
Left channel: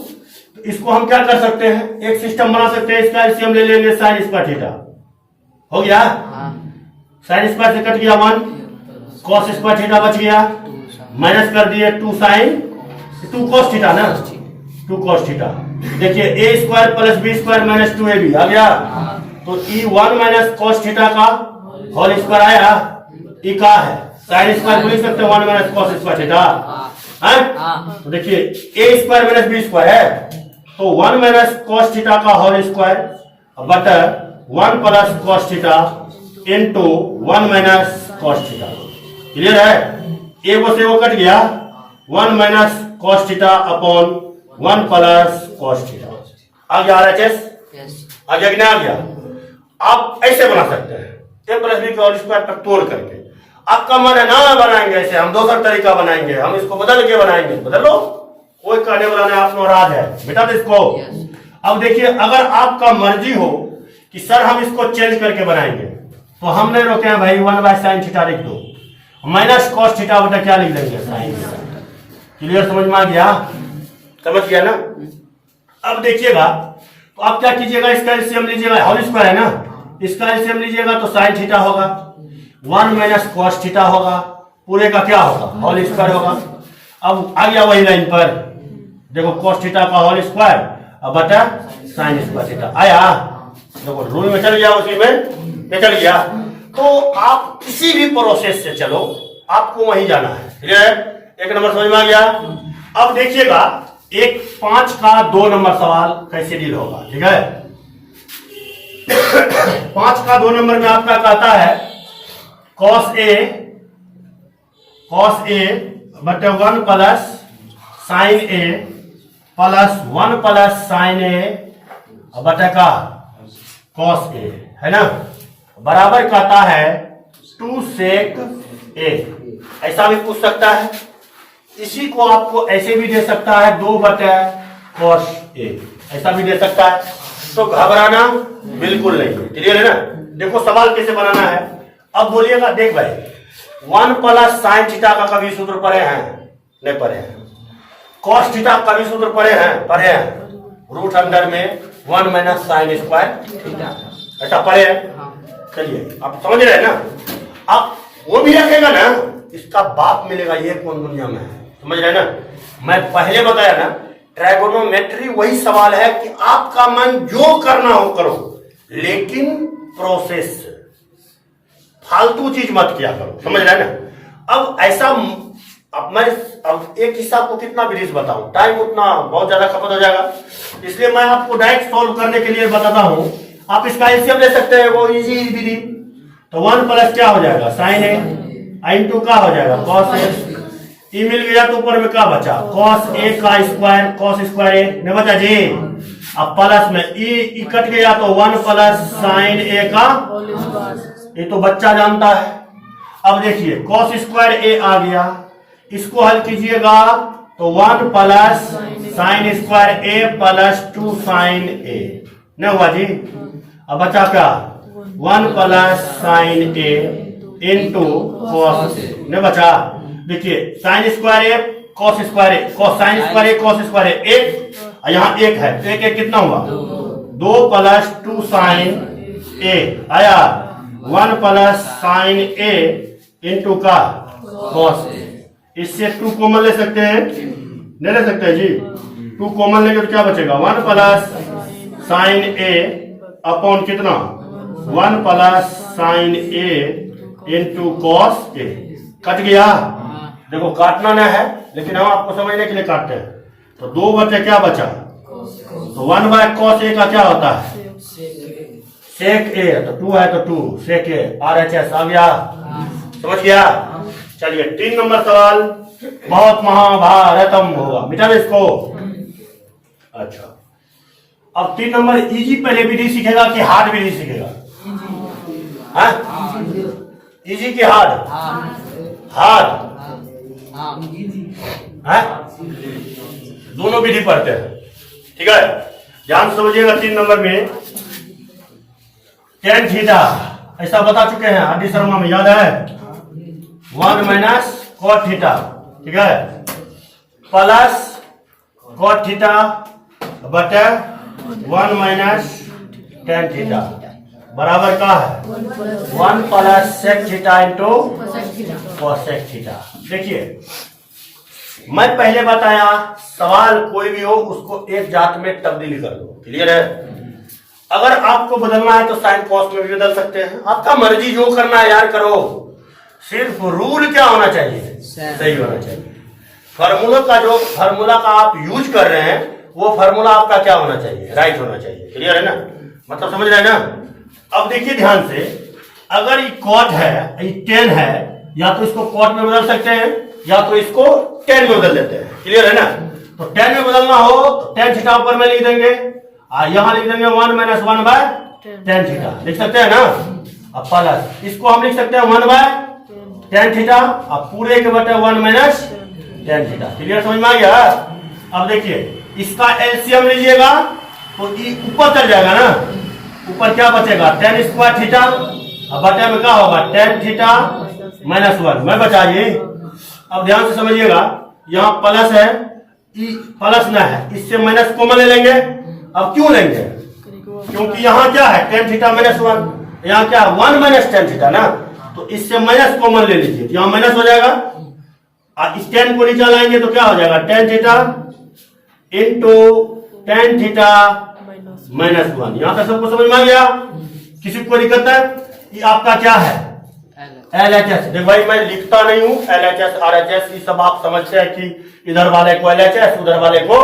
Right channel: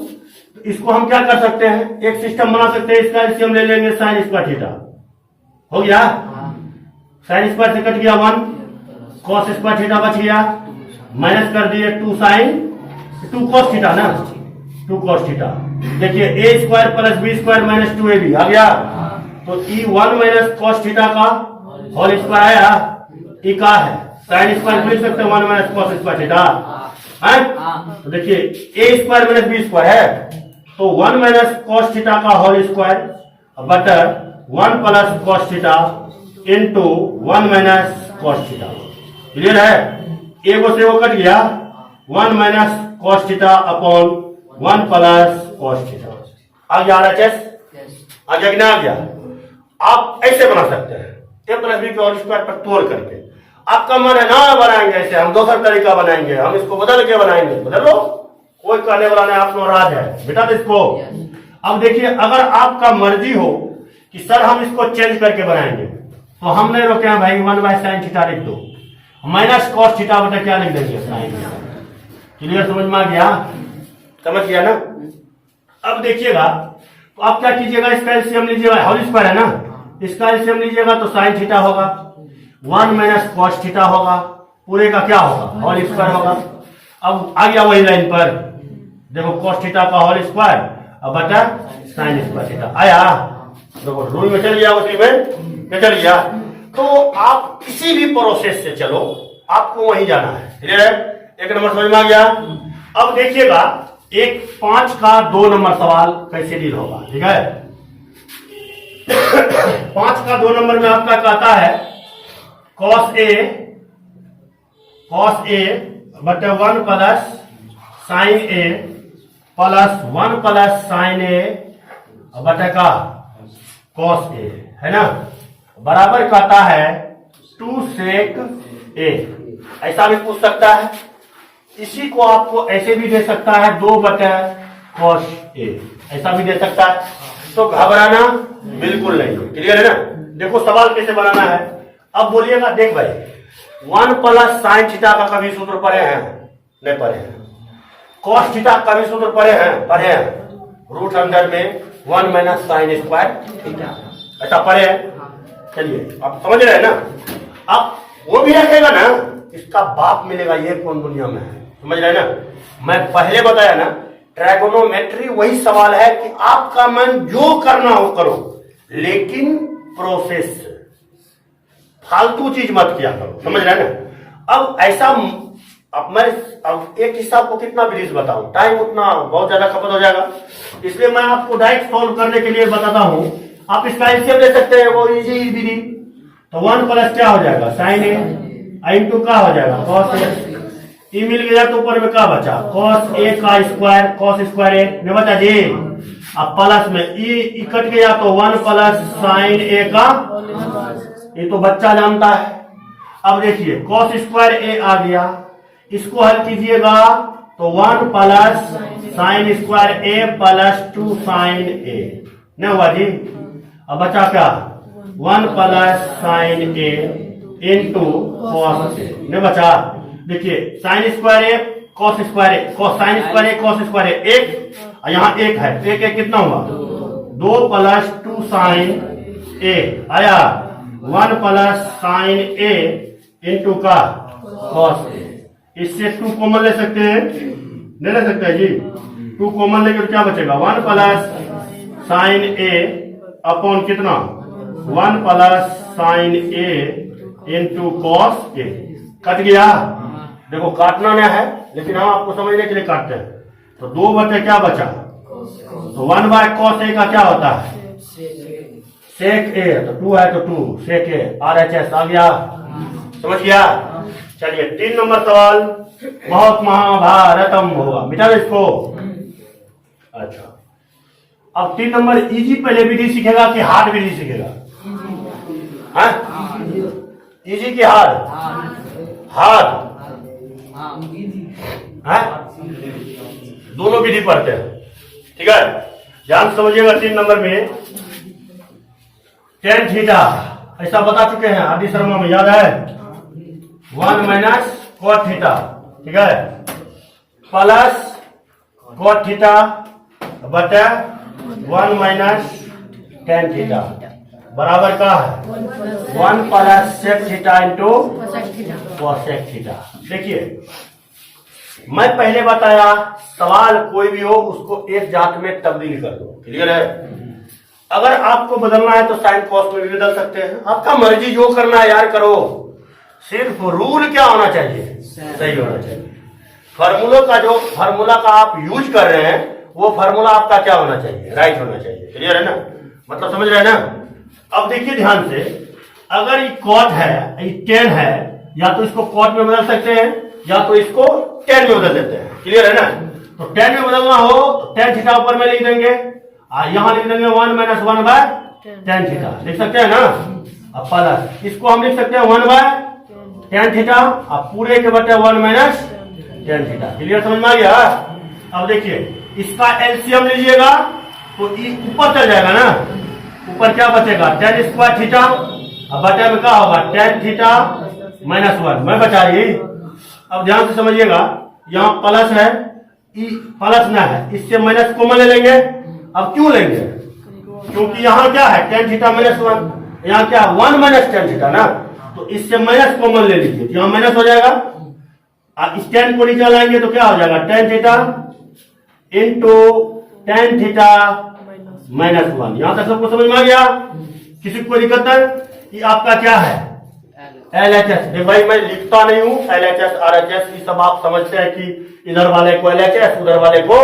इसको हम क्या कर सकते हैं, एक सिस्टम बना सकते हैं। इसका एलसीएम ले लेंगे, sin² थीटा हो गया, sin² से कट गया 1, cos² थीटा बच गया, माइनस कर दिए 2 cos थीटा ना, 2 cos थीटा। देखिए a² plus b² minus 2ab आ गया, तो e 1 माइनस cos थीटा का होल स्क्वायर आया। ई का है sin² लिख सकते हैं 1 माइनस cos² थीटा है। तो देखिए a² माइनस b² है, तो 1 माइनस cos थीटा का होल स्क्वायर बटर 1 plus cos theta into 1 minus cos theta. Clear है? एगो से वो कट गया, 1 minus cos theta upon 1 plus cos theta. आ गया RHS? आ गया कि नहीं आ गया? आप ऐसे बना सकते हैं, a प्लस बी के होल स्क्वायर पर तोड़ करके। आपका मन है ना बनाएंगे ऐसे, हम दूसरा तरीका बनाएंगे, हम इसको बदल के बनाएंगे। बदल लो, कोई कहने वाला नहीं, आप नाराज है बेटा तो इसको। अब देखिए, अगर आपका मर्जी हो कि सर हम इसको चेंज करके बनाएंगे, तो हम नहीं रोके हैं भाई, 1/sin थीटा लिख दो, माइनस cos थीटा बटा क्या लिख देंगे, sin थीटा। क्लियर? समझ में आ गया? समझ गया ना? अब देखिएगा, तो आप क्या कीजिएगा, इसका एलसीएम लीजिएगा, होल स्क्वायर है ना, इसका एलसीएम लीजिएगा तो sin थीटा होगा, 1 माइनस cos थीटा होगा, पूरे का क्या होगा, होल स्क्वायर होगा। अब आ गया वही लाइन पर, देखो cos थीटा का होल स्क्वायर अब बटा sin² थीटा आया। देखो रूल में चल गया, उसी में चल गया। तो आप किसी भी प्रोसेस से चलो, आपको वहीं जाना है। एक नंबर समझ में आ गया? अब देखिएगा, एक 5 का 2 नंबर सवाल कैसे डील होगा, ठीक है? 5 का 2 नंबर में आपका कहता है cos a बटे 1 plus sin a plus 1 plus sin a बटे का cos a है ना, बराबर कहता है 2 sec a। ऐसा भी पूछ सकता है। इसी को आपको ऐसे भी दे सकता है 2 बटे cos a, ऐसा भी दे सकता है। तो घबराना बिल्कुल नहीं। क्लियर है ना? देखो सवाल कैसे बनाना है। अब बोलिएगा, देख भाई 1 प्लस sin थीटा का कभी सूत्र पढ़े हैं? नहीं पढ़े हैं। cos थीटा का कभी सूत्र पढ़े हैं? पढ़े हैं। रूट अंडर में 1 माइनस sin² थीटा, ऐसा पढ़े हैं। चलिए आप समझ रहे हैं ना? अब वो भी रखेगा ना, इसका बाप मिलेगा, ये कौन दुनिया में है? समझ रहे हैं ना? मैं पहले बताया ना, ट्रायगोनोमेट्री वही सवाल है कि आपका मन जो करना हो करो, लेकिन प्रोसेस से फालतू चीज मत किया करो। समझ रहे हैं ना? अब ऐसा, अब मैं एक हिसाब को कितना ब्रीज बताऊं, टाइम उतना बहुत ज्यादा खपत हो जाएगा, इसलिए मैं आपको डायरेक्ट सॉल्व करने के लिए बताता हूं। आप इसका एलसीएम ले सकते हैं, वो इजी विधि। तो 1 प्लस क्या हो जाएगा, sin a इंटू का हो जाएगा cos a। ई मिल गया तो ऊपर में क्या बचा, cos a का स्क्वायर, cos स्क्वायर a नहीं बचा जी। अब प्लस में ई कट गया तो 1 प्लस sin a का, ये तो बच्चा जानता है। अब देखिए cos स्क्वायर a आ गया, इसको हल कीजिएगा तो 1 plus sin square a plus 2 sin a नहीं हुआ जी। अब बचा क्या, 1 plus sin a into cos नहीं बचा। देखिए sin square a cos square a, sin square a cos square a, एक यहाँ एक है, एक कितना हुआ, 2 प्लस 2 sin a आया, 1 प्लस sin a इंटू का cos a। इससे 2 कॉमन ले सकते हैं? नहीं ले सकते जी। 2 कॉमन लेंगे तो क्या बचेगा, 1 प्लस sin a अपॉन कितना, 1 plus sin a into cos a। Cut गया। देखो काटना ना है, लेकिन हम आपको समझने के लिए काटते हैं। तो 2 बटे क्या बचा, तो 1/cos A का क्या होता है, sec A। तो 2 है तो 2 sec A, RHS आ गया, समझ गया। चलिए 3 नंबर सवाल बहुत महाभारतम होगा, मिटा दे इसको। अच्छा, अब 3 नंबर इजी पहले विधि सीखेगा कि हार्ड विधि सीखेगा? इजी की हार्ड? हार्ड है, दोनों विधि पढ़ते हैं, ठीक है। ध्यान समझिएगा। 3 नंबर में tan थीटा ऐसा बता चुके हैं आदि शर्मा में, याद है? 1 - cot थीटा, ठीक है, प्लस cot थीटा बटे 1 - tan थीटा बराबर का है 1 + sec theta into cosec theta. देखिए मैं पहले बताया, सवाल कोई भी हो उसको एक जात में तब्दील कर दो, क्लियर है। अगर आपको बदलना है तो साइन कॉस में भी बदल सकते हैं, आपका मर्जी, जो करना है यार करो, सिर्फ रूल क्या होना चाहिए, सही होना चाहिए। फार्मूला का जो फार्मूला का आप यूज कर रहे हैं वो फार्मूला आपका क्या होना चाहिए, राइट होना चाहिए, क्लियर है ना, मतलब समझ रहे हैं ना। अब देखिए ध्यान से, अगर ये कॉट है, ये टेन है, या तो इसको कॉट में बदल सकते हैं या तो इसको टेन में बदल देते हैं, क्लियर है ना। तो टेन में बदलना हो तो tan थीटा ऊपर में लिख देंगे, यहां लिख देंगे 1 - 1/tan थीटा, लिख सकते हैं ना। अब प्लस इसको हम लिख सकते हैं 1/tan थीटा, अब पूरे के बटे 1 - tan थीटा, क्लियर, समझ में आ गया। अब देखिए इसका एलसीएम लीजिएगा तो ये ऊपर चल जाएगा ना, ऊपर क्या बचेगा, tan² थीटा, अब बटे में क्या होगा tan थीटा -1 में बचा ये। अब ध्यान से समझिएगा, यहाँ प्लस है, प्लस ना है, इससे माइनस कॉमन ले लेंगे। अब क्यों लेंगे, क्योंकि यहाँ क्या है tan थीटा -1, यहाँ क्या 1 - tan थीटा ना, तो इससे माइनस कॉमन ले लीजिए, यहाँ माइनस हो जाएगा। इस tan को नीचे लाएंगे तो क्या हो जाएगा tan theta into tan theta -1। यहां तक सबको समझ में आ गया, किसी को दिक्कत है? ये आपका क्या है, LHS। देखो भाई मैं लिखता नहीं हूं, LHS RHS ये सब आप समझते हैं कि इधर वाले को LHS उधर वाले को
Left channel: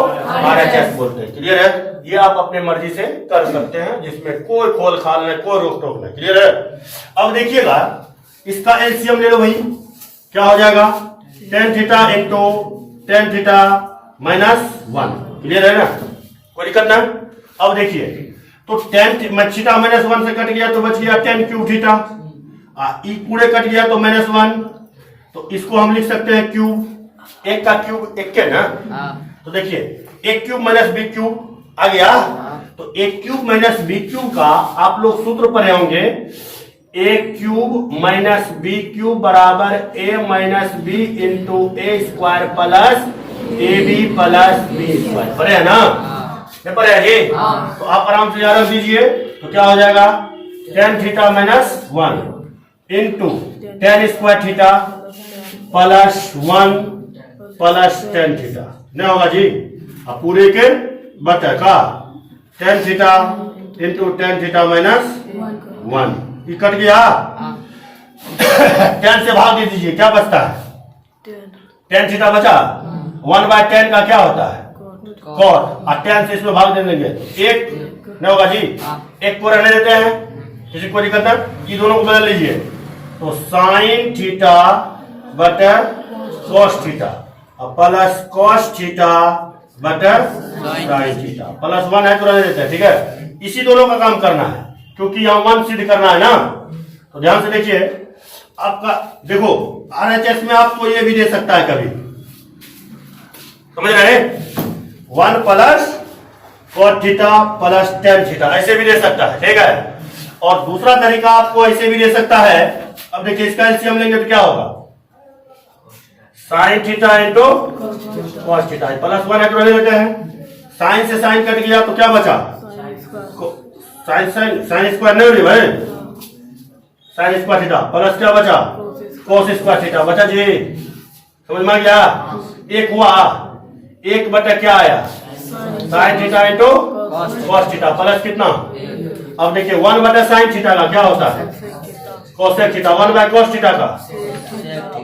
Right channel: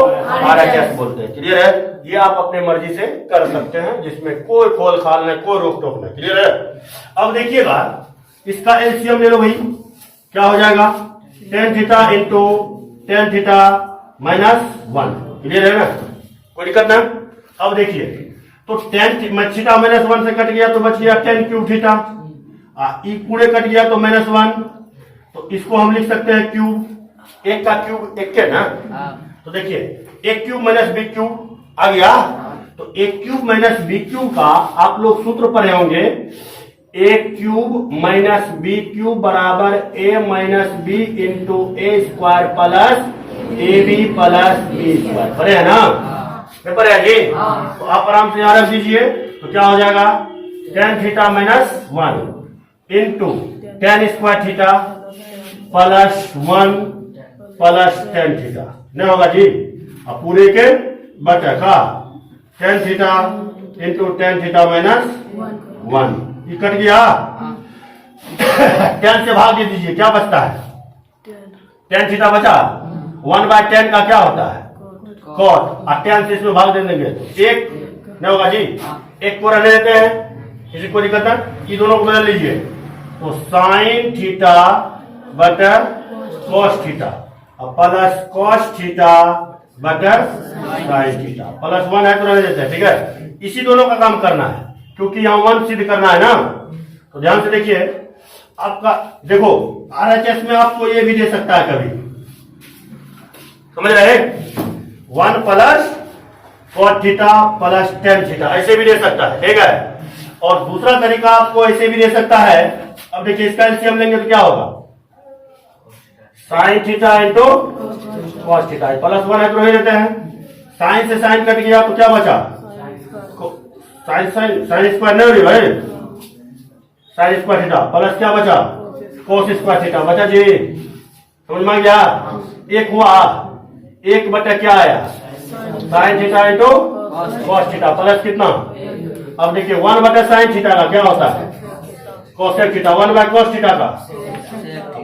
RHS बोलते हैं, क्लियर है। ये आप अपने मर्जी से कर सकते हैं, जिसमें कोई खोल खाल नहीं, कोई रोक टोक नहीं, क्लियर है। अब देखिएगा इसका एलसीएम ले लो भाई, क्या हो जाएगा tan theta into tan theta -1, clear है ना, कोई दिक्कत ना। अब देखिए तो tan थीटा -1 से कट गया तो बच गया tan³ थीटा, ई पूरे कट गया तो -1, तो इसको हम लिख सकते हैं क्यूब, एक का क्यूब एक के ना। तो देखिए a³ - b³ आ गया, तो a³ - b³ का आप लोग सूत्र पढ़े होंगे, a³ - b³ बराबर a - b into a² plus ab plus b², पढ़े है ना, पेपर है जी। तो आप आराम से याद रख दीजिए, तो क्या हो जाएगा tan theta -1 into tan² theta plus 1 plus tan theta, नहीं होगा जी। अब पूरे के बटे का tan theta into tan theta -1, ये कट गया। tan से भाग दे दीजिए, क्या बचता है, tan थीटा बचा, 1/tan का क्या होता है कॉट, और tan से इसमें भाग दे देंगे तो 1 नहीं होगा जी, 1 को रहने देते हैं, किसी को दिक्कत है, ये दोनों को बदल लीजिए, तो sin थीटा बटे cos theta plus cos theta बटे sin थीटा, +1 है तो रहने देते हैं, ठीक है। इसी दोनों का काम करना है, क्योंकि यहाँ 1 सिद्ध करना है ना। तो ध्यान से देखिए, आपका देखो RHS में आपको ये भी दे सकता है कभी, समझ रहे, 1 + cot theta plus tan theta, ऐसे भी दे सकता है, ठीक है। और दूसरा तरीका आपको ऐसे भी दे सकता है। अब देखिए इसका एलसीएम लेंगे तो क्या होगा, sin theta into cos theta, +1 है तो रहने देते हैं, sin से sin कट गया तो क्या बचा, sin² नहीं हुई भाई, sin² थीटा प्लस क्या बचा cos² थीटा बचा जी, समझ में आ गया। एक हुआ, एक बटा क्या आया sin theta into cos theta plus कितना, अब देखिए 1/sin थीटा का क्या होता है cosec थीटा, 1/cos थीटा का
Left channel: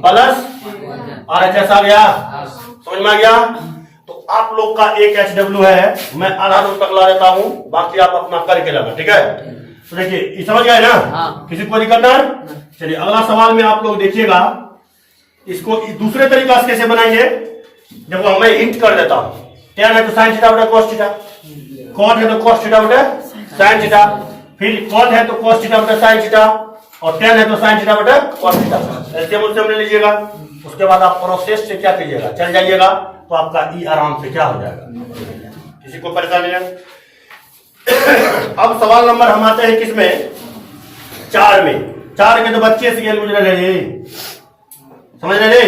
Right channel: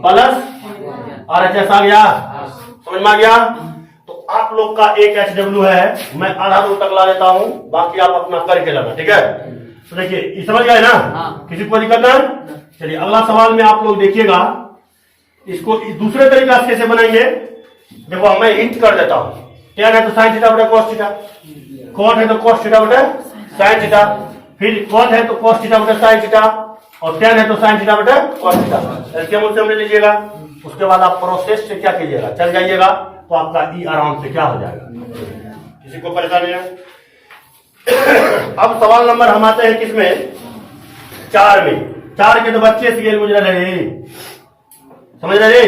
प्लस RHS आ गया, समझ में आ गया। तो आप लोग का एक HW है, मैं आधा दूर तक ला देता हूं, बाकी आप अपना करके लाना, ठीक है। तो देखिए ये समझ गए ना, किसी को दिक्कत ना। चलिए अगला सवाल में आप लोग देखिएगा, इसको दूसरे तरीका से कैसे बनाएंगे। देखो मैं हिंट कर देता हूं, tan है तो sin थीटा बटा cos थीटा, cot है तो cos थीटा बटा sin थीटा, फिर cot है तो cos थीटा बटा sin थीटा, और tan है तो sin थीटा बटा cos थीटा। एलसीएम उलसीएम ले लीजिएगा। उसके बाद आप प्रोसेस से क्या कीजिएगा, चल जाइएगा, तो आपका ई आराम से क्या हो जाएगा, किसी को परेशानी है। अब सवाल नंबर हम आते हैं किसमें, 4 में। 4 के तो बच्चे से गेल गुजरा रहे, समझ रहे।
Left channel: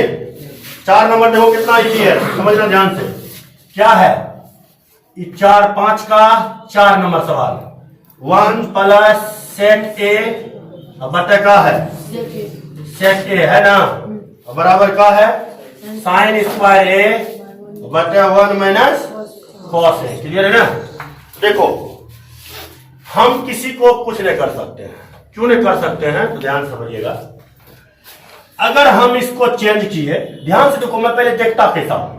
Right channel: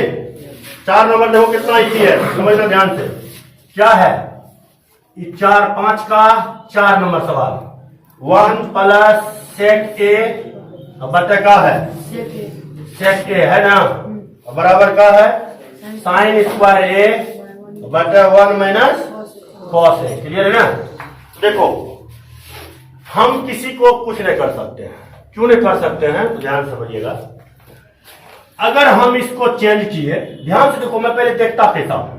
4 नंबर देखो कितना इजी है, समझना ध्यान से। क्या है, 4 5 का 4 नंबर सवाल, 1 प्लस सेक ए बटा का है, सेक ए है ना, बराबर का है साइन स्क्वायर ए बटा 1 माइनस कॉस ए। क्लियर है ना। देखो हम किसी को कुछ नहीं कर सकते हैं, क्यों नहीं कर सकते हैं, तो ध्यान समझिएगा। अगर हम इसको चेंज किए, ध्यान से देखो, मैं पहले देखता कैसा हूं,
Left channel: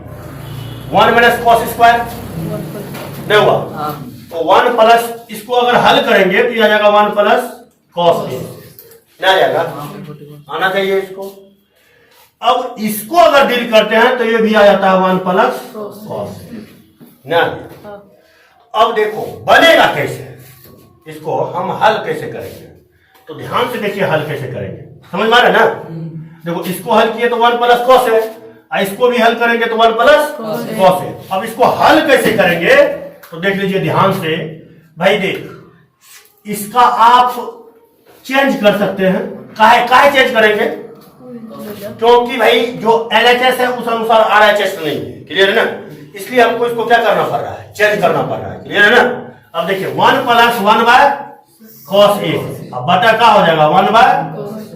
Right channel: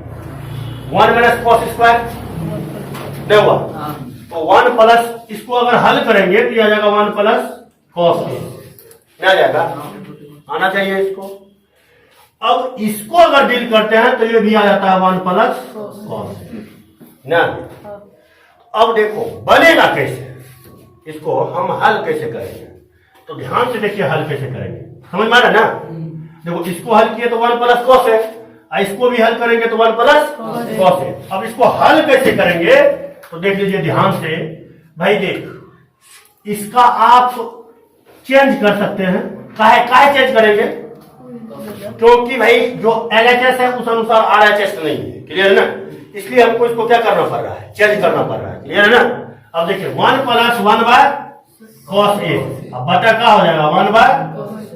1 माइनस कॉस स्क्वायर नहीं हुआ, तो 1 प्लस, इसको अगर हल करेंगे तो आ जाएगा 1 प्लस कॉस ए, नहीं आ जाएगा, आना चाहिए इसको। अब इसको अगर डील करते हैं तो ये भी आ जाता है 1 प्लस कॉस ना। अब देखो बनेगा कैसे, इसको हम हल कैसे करेंगे, तो ध्यान से देखिए हल कैसे करेंगे, समझ में आ रहा है ना। देखो इसको हल किए तो 1 प्लस कॉस है, इसको भी हल करेंगे तो 1 प्लस कॉस है। अब इसको हल कैसे करेंगे, तो देख लीजिए ध्यान से भाई। देख इसका आप चेंज कर सकते हैं, काहे चेंज करेंगे, क्योंकि भाई जो LHS है उस अनुसार RHS नहीं है। क्लियर है ना, इसलिए हमको इसको क्या करना पड़ रहा है, चेंज करना पड़ रहा है। क्लियर है ना। अब देखिए 1 प्लस 1 बाय कॉस ए, अब बटा का हो जाएगा 1 बाय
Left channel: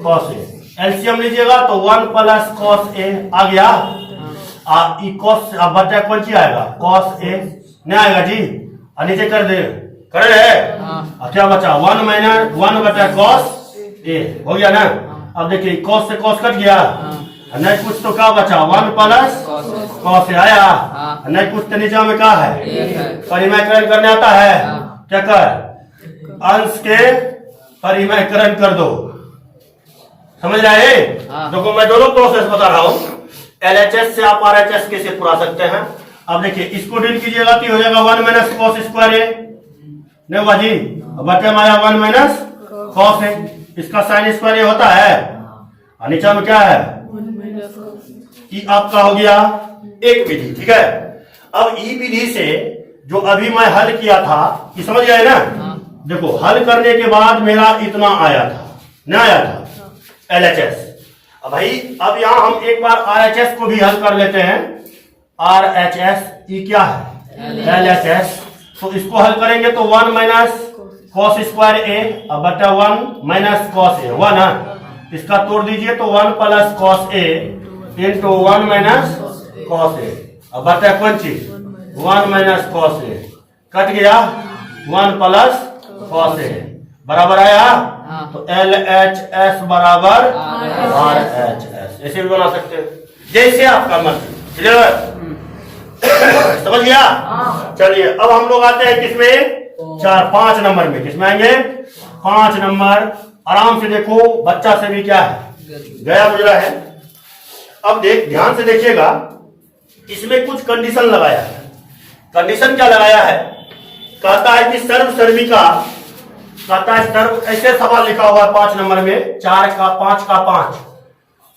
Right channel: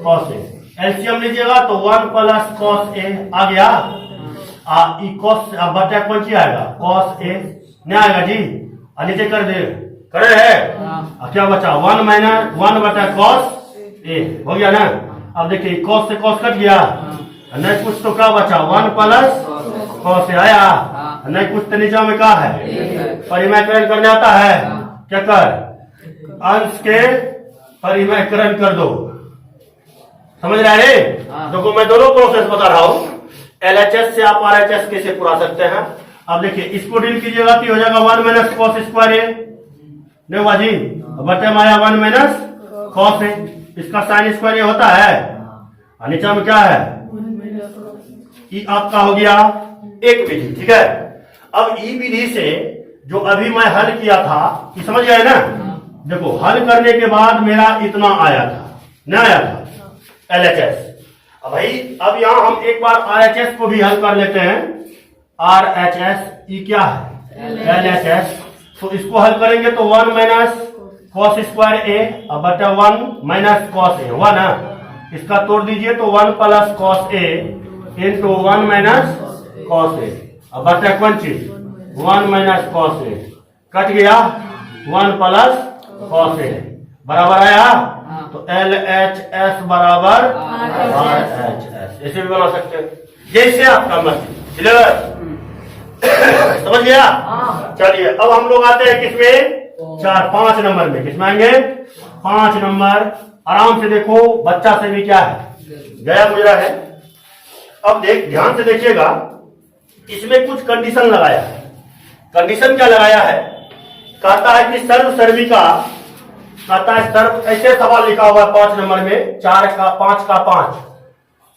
कॉस ए। एलसीएम लीजिएगा तो 1 प्लस कॉस ए आ गया, कॉस बटा कौन सी आएगा, कॉस ए नहीं आएगा जी, नीचे कर दे, कर है क्या बचा 1 माइनस 1 बटा कॉस ए, हो गया ना। अब देखिए कॉस से कॉस कट गया, नहीं कुछ तो क्या बचा 1 प्लस कॉस से आया, नहीं कुछ तो नीचे में क्या है, परिमयकरण करने आता है, क्या कर, अंश के परिमयकरण कर दो, समझ रहे हैं। देखो मैं दोनों प्रोसेस बता रहा हूं, LHS से आप RHS कैसे पूरा सकते हैं। अब देखिए इसको डील कीजिएगा तो हो जाएगा 1 माइनस कॉस स्क्वायर ए, नहीं हुआ जी, बटे माया 1 माइनस कॉस है, इसका साइन स्क्वायर ये होता है, और नीचे में क्या है, ई आपका हो गया एक विधि, ठीक है। अब ई विधि से जो अभी मैं हल किया था, ये समझ गए ना। देखो हल करने के बाद मेरा इतना आया था, नहीं आया था LHS। अब भाई अब यहां हम एक बार RHS को भी हल कर लेते हैं, RHS ई क्या है LHS, तो इसको हल करेंगे तो 1 माइनस कॉस स्क्वायर ए बटा 1 माइनस कॉस ए हुआ ना, इसका तोड़ दीजिए तो 1 plus cos A into 1 minus cos ए, अब बटा कौन चीज 1 माइनस कॉस ए, कट गया 1 प्लस कॉस ए, बराबर आया, तो LHS बराबर RHS, ऐसे भी बना सकते हैं, जैसे आपका मर्जी। क्लियर, समझ गया। चलिए अब हम लोग आते हैं किसमें, 5 नंबर में। किसमें आएंगे, 5 नंबर। आराम से देखो, बच्चा से भी क्या है गया गुजरा है। अब ध्यान से देखिएगा, इसमें कुछ कंडीशन लगाया है। कंडीशन क्या लगाया है, कहता है कि सर्व सर्विका, कहता है सर्व, ऐसे सवाल लिखा हुआ है 5 नंबर में, 4 का 5 का 5।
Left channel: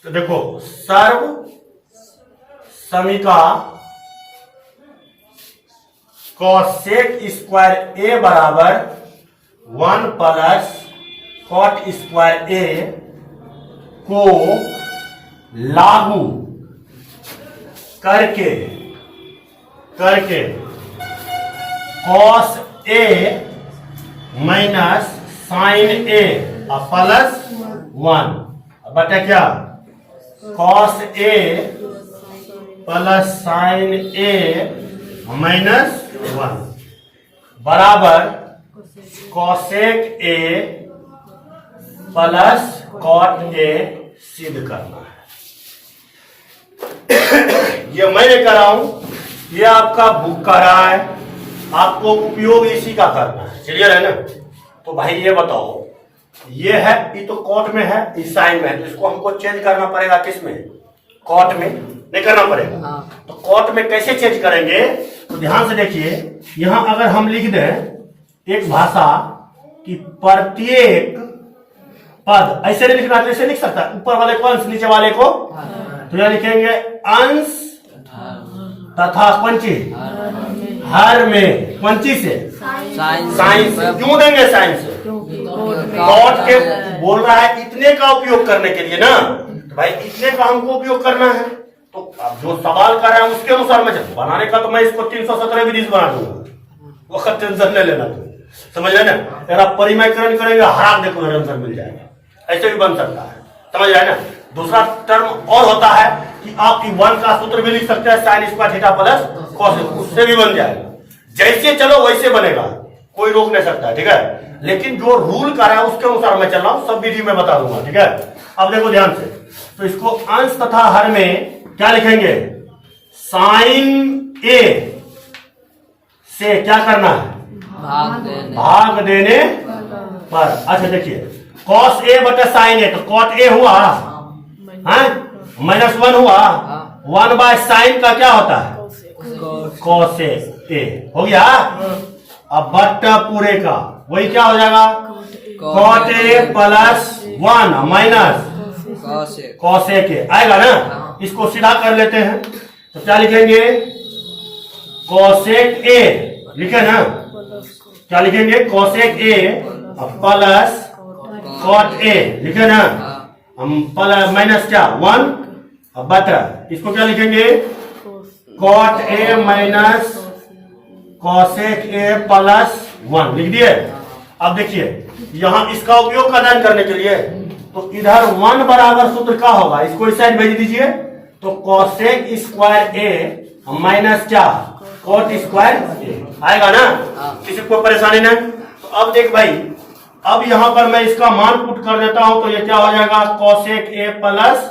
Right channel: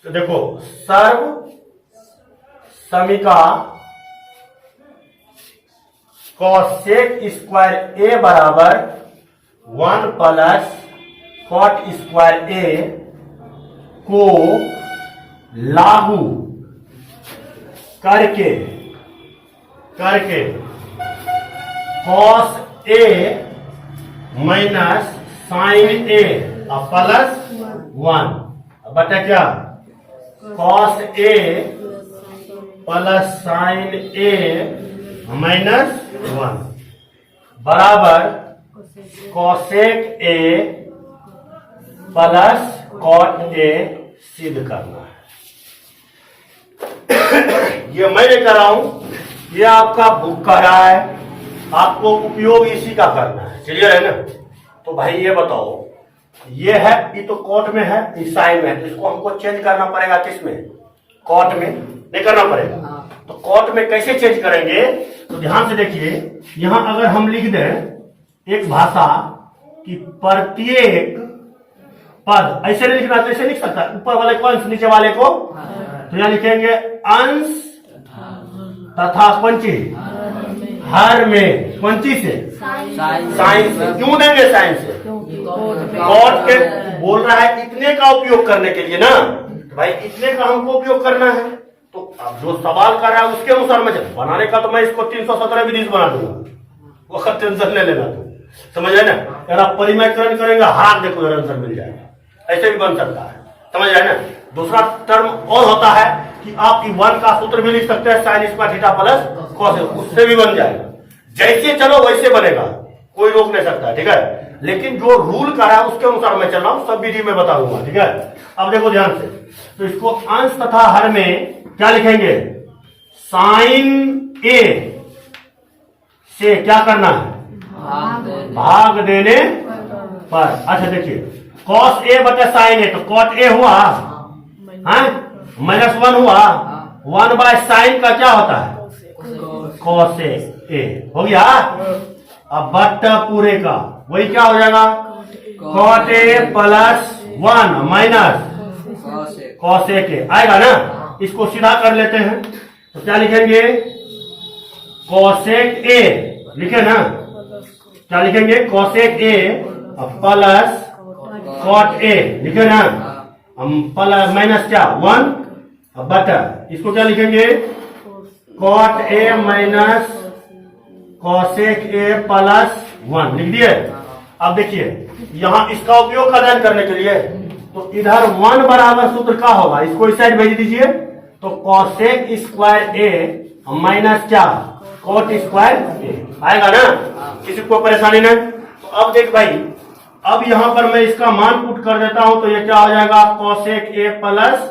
तो देखो सर्व समीका कॉसेक स्क्वायर ए बराबर 1 प्लस कॉट स्क्वायर ए को लागू करके cos A minus sine A plus 1 बटा क्या cos A plus sine A minus 1 बराबर cosec A plus cot A सिद्ध करना है। ये मैं नहीं कर रहा हूं, ये आपका बुक कर रहा है, आपको उपयोग इसी का करना है। क्लियर है ना? तो भाई ये बताओ, ये है, ये तो कोट में है, इस साइन में है, तो इसको हमको चेंज करना पड़ेगा किसमें? कोट में नहीं करना पड़ेगा। तो कोट में कैसे चेंज करेंगे? तो ध्यान से देखिए, यहां अगर हम लिख दें एक भाषा कि प्रत्येक पद, ऐसे नहीं लिखना, ऐसे लिख सकता, ऊपर वाले को अंश, नीचे वाले को, तो यहां लिखेंगे अंश तथा पंची, हर में, पंची से, साइंस से। क्यों देंगे साइंस से? कोट के बोल रहा है इतने का उपयोग करने के लिए ना, तो भाई इतने का हमको उपयोग करना है। तो अब जो सवाल कर रहा है उसके अनुसार मैं बनाने का, तो मैं इसको 317 विधि बना दूंगा, वो टेंशन नहीं लेना तुम, समझ रहे ना? अगर आप परिमयकरण करेंगे, हाथ देखो आंसर मिल जाएगा, ऐसे भी बन सकता है, समझ रहे ना? दूसरा टर्म और होता है कि आप वन का सूत्र भी लिख सकते हैं, sign square theta plus cos, उससे भी बन जाएगा। जैसे चलो वैसे बनेगा, कोई रोक नहीं सकता, ठीक है? लेकिन जो रूल का है उसके अनुसार मैं चल रहा हूं, सब विधि में बता दूंगा, ठीक है? अब देखो ध्यान से, तो इसको अंश तथा हर में क्या लिखेंगे? साइन ए से क्या करना है? भाग देने पर। अच्छा देखिए, कॉस ए बटे साइन ए, तो कॉट ए हुआ, -1 हुआ, 1 बाय साइन का क्या होता है? कॉस ए हो गया। अब बट पूरे का वही क्या हो जाएगा? Cot A plus 1 minus cos A के आएगा ना? इसको सीधा कर लेते हैं, तो क्या लिखेंगे? कॉसेक ए लिखे ना, क्या लिखेंगे? Cosec A plus cot A लिखे ना, हम प्लस माइनस क्या 1 बटा, इसको क्या लिखेंगे? Cot A minus cosec A plus 1 लिख दिए। अब देखिए, यहां इसका उपयोग का दान करने के लिए, तो इधर 1 बराबर सूत्र का होगा, इसको इस साइड भेज दीजिए, तो कॉसेक स्क्वायर ए माइनस क्या? कॉट स्क्वायर ए आएगा ना? किसी को परेशानी नहीं। तो अब देख भाई, अब यहां पर मैं इसका मान पुट कर देता हूं, तो ये क्या हो जाएगा? Cosec A plus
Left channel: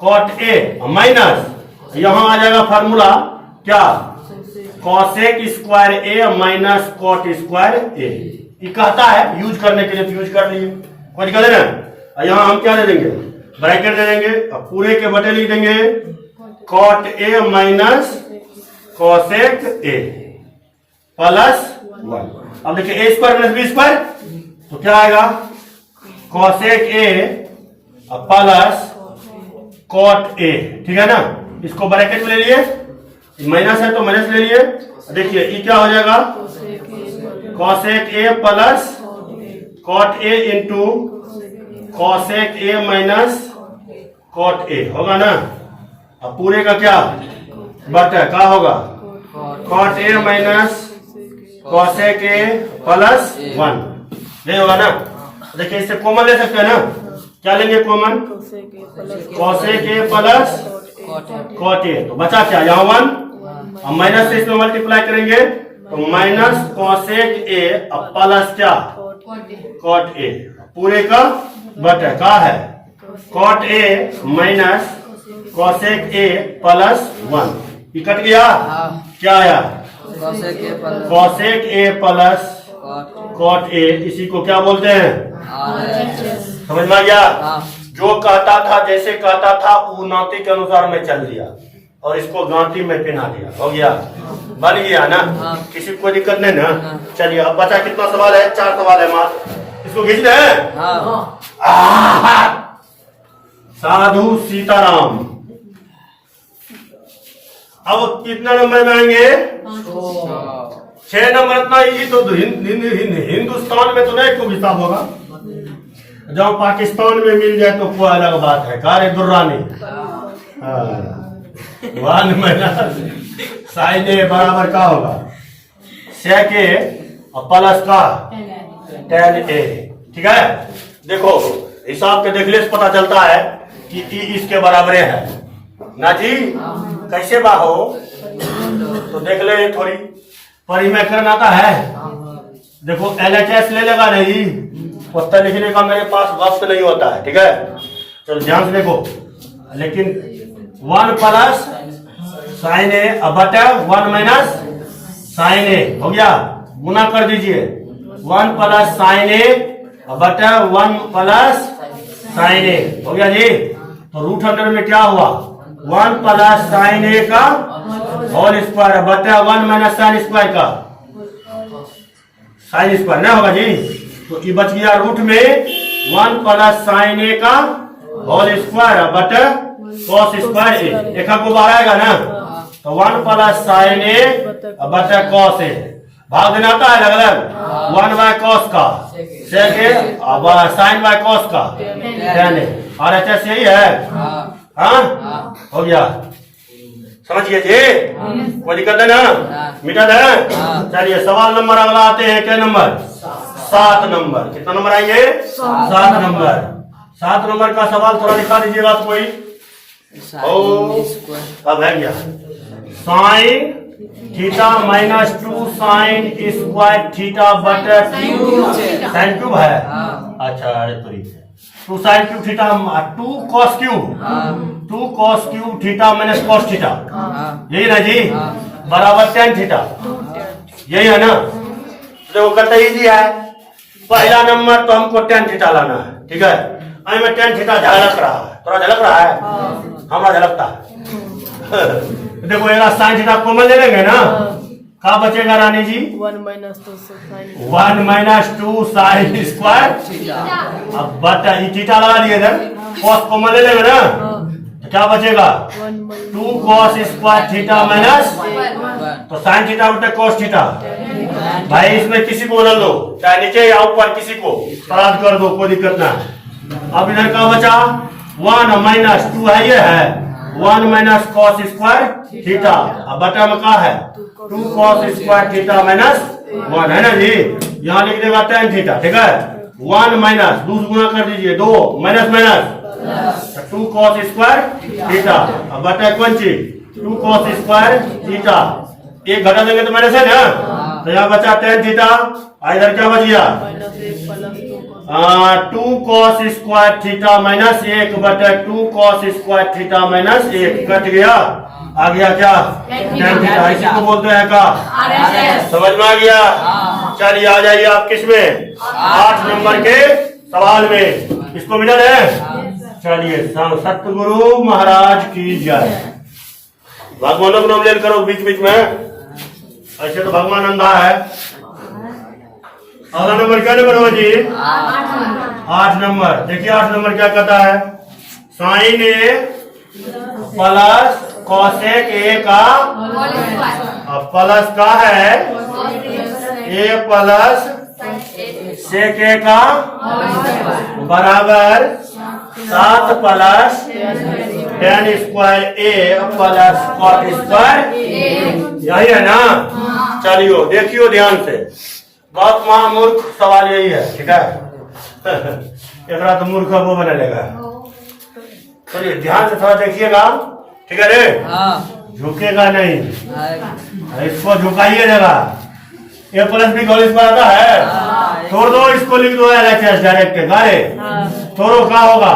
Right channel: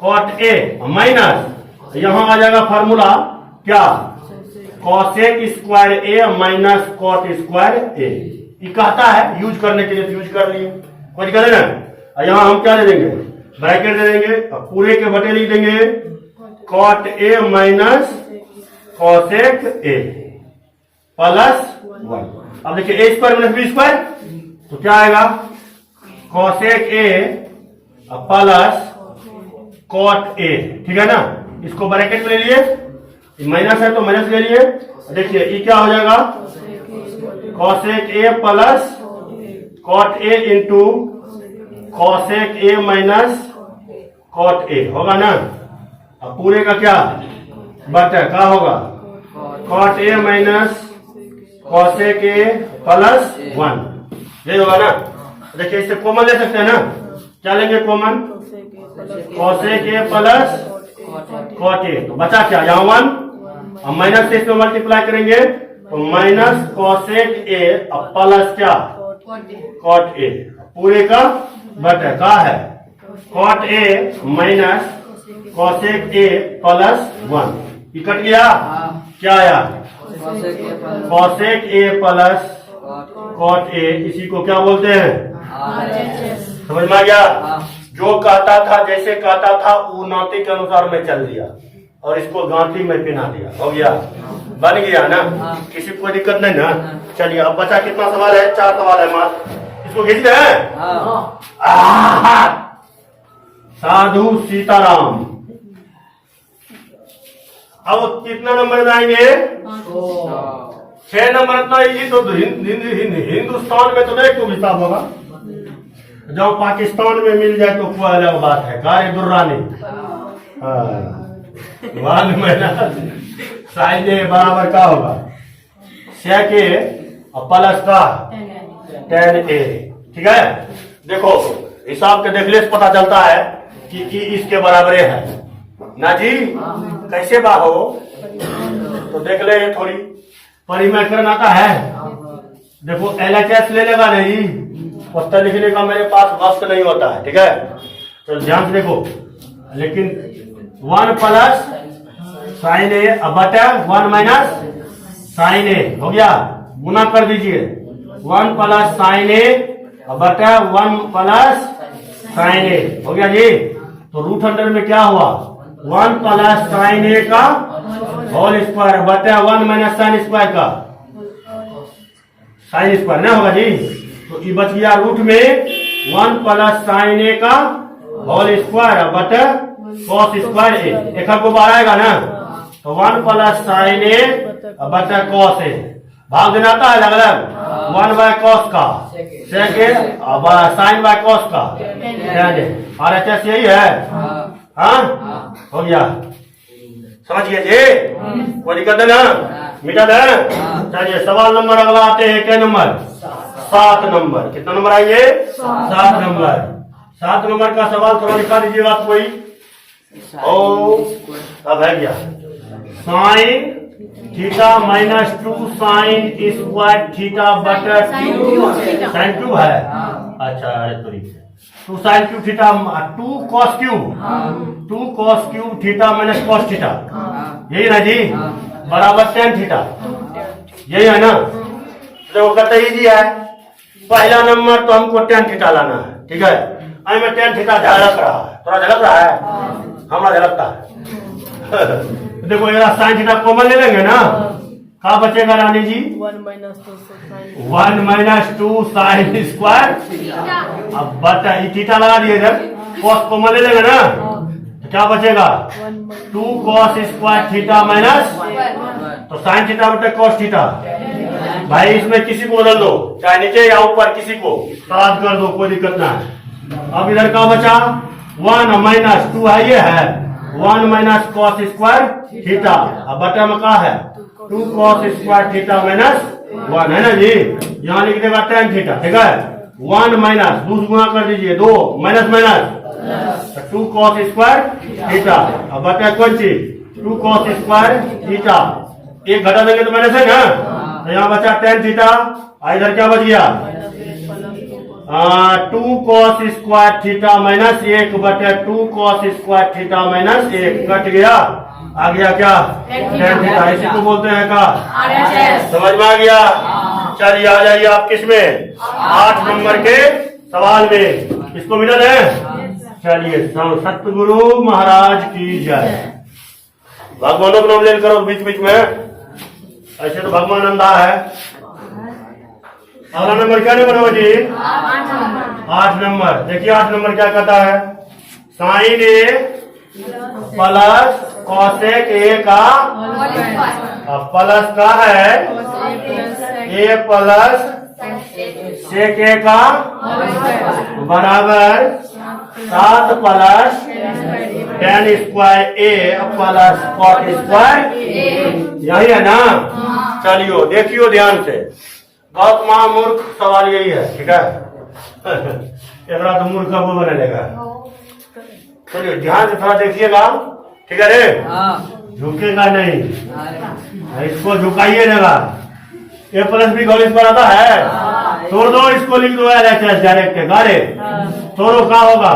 cot A minus, यहां आ जाएगा फार्मूला क्या? Cosec square A minus cot square A. ये कहता है यूज करने के लिए, तो यूज कर लिए, कोई दिक्कत है? यहां हम क्या दे देंगे? ब्रैकेट दे देंगे, अब पूरे के बटे लिख देंगे cot A minus cosec A plus 1। अब देखिए A square minus B square, तो क्या आएगा? Cosec A plus cot A, ठीक है ना? इसको ब्रैकेट में ले लिए, माइनस है तो माइनस ले लिए। देखिए ये क्या हो जाएगा? Cosec A plus cot A into cosec A minus cot A होगा ना? अब पूरे का क्या बटा क्या होगा? Cot A minus cosec A plus 1, ये होगा ना? देखिए इससे कॉमन ले सकते हैं ना, क्या लेंगे common? Cosec A plus cot A, तो बचा क्या? यहाँ 1, अब माइनस से इसमें मल्टीप्लाई करेंगे, तो माइनस कॉसेक ए प्लस क्या? कॉट ए, पूरे का बटा का है cot A minus cosec A plus 1, ये कट गया, क्या आया? Cosec A plus cot A, इसी को क्या बोलते हैं? समझ में आ गया? जो कहता था, जैसे कहता था, वो नाते के अनुसार मैं चल दिया और इसको गांठी में पहना दिया, हो गया, बन गया ना? किसी को कोई दिक्कत नहीं ना? चलिए अब बचा कितना सवाल है? 4 सवाल है मात्र, इसको खींच दे। साधु सीताराम, अब कितना नंबर में आएंगे? 6 नंबर। इतना ही तो हिंदुस्तान में तो नहीं कोई हिसाब होगा, जब पाकिस्तान में मिल जाए तो कोई अलग बात है। कार्य दुर्रानी 1 माइनस साइन ए बराबर का होगा? सेक ए प्लस का tan ए, ठीक है? देखो हिसाब के देखने से पता चलता है कि इसके बराबर है ना जी? कैसे बाहो? तो देख ले, थोड़ी परिमयकरण आता है, देखो LHS ले लेगा नहीं, उत्तर लिखने का मेरे पास वक्त नहीं होता है, ठीक है? तो ध्यान से देखो, लेकिन 1 प्लस साइन ए बटा 1 माइनस साइन ए हो गया, गुना कर दीजिए 1 प्लस साइन ए बटा 1 प्लस साइन ए हो गया जी। तो रूट अंडर में क्या हुआ 1 प्लस साइन ए का होल स्क्वायर बटा 1 माइनस साइन स्क्वायर का साइन स्क्वायर ना होगा जी। तो ये बच गया रूट में 1 प्लस साइन ए का होल स्क्वायर बटा कॉस स्क्वायर ए, एक को बाहर आएगा ना, तो 1 प्लस साइन ए बटा कॉस ए, भाग देना आता है अलग अलग 1 बाय कॉस का सेक ए अब साइन बाय कॉस का टेन ए, और एच एस यही है। हाँ हो गया, समझिए जी, कोई दिक्कत है ना, मिटा दे। चलिए सवाल नंबर अगला आते हैं, क्या नंबर 7 नंबर, कितना नंबर आएंगे 7 नंबर। 7 नंबर का सवाल थोड़ा दिखा दीजिएगा आप कोई। ओ अब है क्या sine theta minus 2 sign square theta बटा 2 साइन क्यूब है। अच्छा अरे तरीके 2 sine cube theta 2 cos cube theta minus cos theta, यही ना जी, बराबर tan थीटा, यही है ना। देखो कहते इजी है, पहला नंबर तो हमको tan थीटा लाना है, ठीक है। आई में tan थीटा झलक रहा है, थोड़ा झलक रहा है, हमारा झलकता है। देखो ये साइन थीटा कॉमन ले लेंगे ना, क्या बचेगा रानी जी 1 माइनस 2 साइन स्क्वायर, अब बटा थीटा लगा दिए इधर, कॉस कॉमन ले लेंगे ना, तो क्या बचेगा 2 कॉस स्क्वायर थीटा माइनस, तो साइन थीटा बटे कॉस थीटा। भाई इसमें किसी को बदल दो, चाहे नीचे या ऊपर, किसी को सराद कर दो, कोई दिक्कत ना है। अब इधर क्या बचा 1 माइनस 2 है, ये है 1 माइनस कॉस स्क्वायर थीटा, अब बटा में क्या है 2 कॉस स्क्वायर थीटा माइनस 1 है ना जी। यहाँ लिख देगा tan थीटा, ठीक है। 1 माइनस 2 गुना कर दीजिए 2 minus minus 2 cos square theta, अब बटा कौन चीज 2 कॉस स्क्वायर थीटा, एक घटा देंगे तो माइनस है ना, तो यहाँ बचा tan थीटा, इधर क्या बच गया 2 कॉस स्क्वायर थीटा माइनस 1 बटा 2 cos square theta minus 1 cut गया, आ गया क्या tan थीटा, इसी को बोलते हैं का, समझ में आ गया। चलिए आ जाइए आप किसमें 8 नंबर के सवाल में, इसको मिला है। चलिए सतगुरु महाराज की जय, भगवानों को नाम ले करो बीच बीच में, ऐसे तो भगवान अंधा है। अगला नंबर क्या नंबर होगा जी 8 नंबर। देखिए 8 नंबर क्या कहता है, sine A plus cosec A का प्लस का है ए प्लस सेक ए का बराबर 7 प्लस tan स्क्वायर ए प्लस कॉट स्क्वायर, यही है ना। चलिए देखियो ध्यान से, बहुत महामूर्ख सवाल यही है, ठीक है। एक तो मूर्ख वो बना लेगा। चलिए ध्यान से थोड़ा देखिएगा, ठीक है रे, झुकेगा नहीं, इसको झुकाइए देगा। ए प्लस बी होल स्क्वायर आता है, तोड़ दो इसको, लिख दो यार एच एस डायरेक्ट गारे, तोड़ो क्या होगा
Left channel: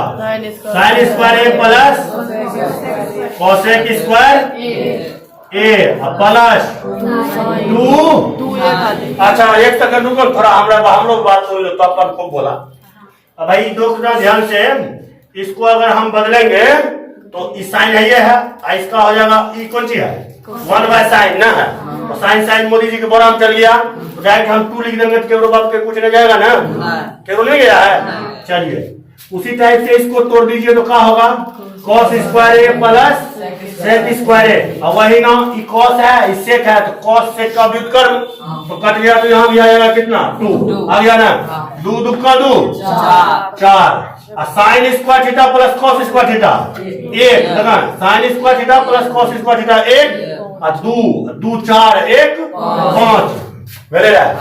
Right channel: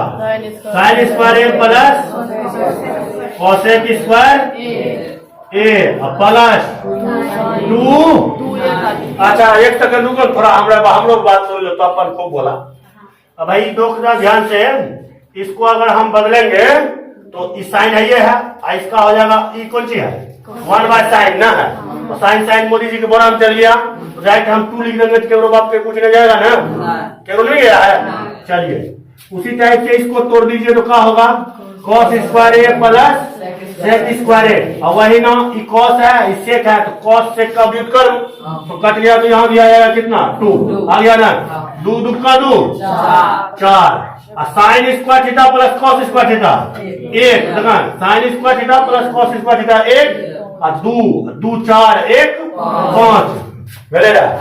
साइन स्क्वायर ए प्लस कॉसेक स्क्वायर ए प्लस 2। अच्छा एक सेकंड रुको, थोड़ा हम लोग बात कर लो, तो अपन को बोला। अब भाई देखना ध्यान से, इसको अगर हम बदलेंगे तो इस साइन है ये है, इसका हो जाएगा ई कौन सी है 1 बाय साइन ना है, तो साइन साइन मोदी जी के बड़ा हम चल गया, तो डायरेक्ट हम 2 लिख देंगे तो केवल बात के कुछ नहीं जाएगा ना, केवल नहीं गया है। चलिए उसी टाइप से इसको तोड़ दीजिए तो क्या होगा कॉस स्क्वायर ए प्लस सेक स्क्वायर ए, और वही ना ई कॉस है इस सेक है, तो कॉस सेक का व्युत्क्रम, तो कट गया, तो यहाँ भी आ जाएगा कितना 2 आ गया ना, 2 2 का 2 4, sign square theta plus cos square theta 1, देखा sign square theta plus cos square theta 1 और 2 4 1 5 वेरी राइट,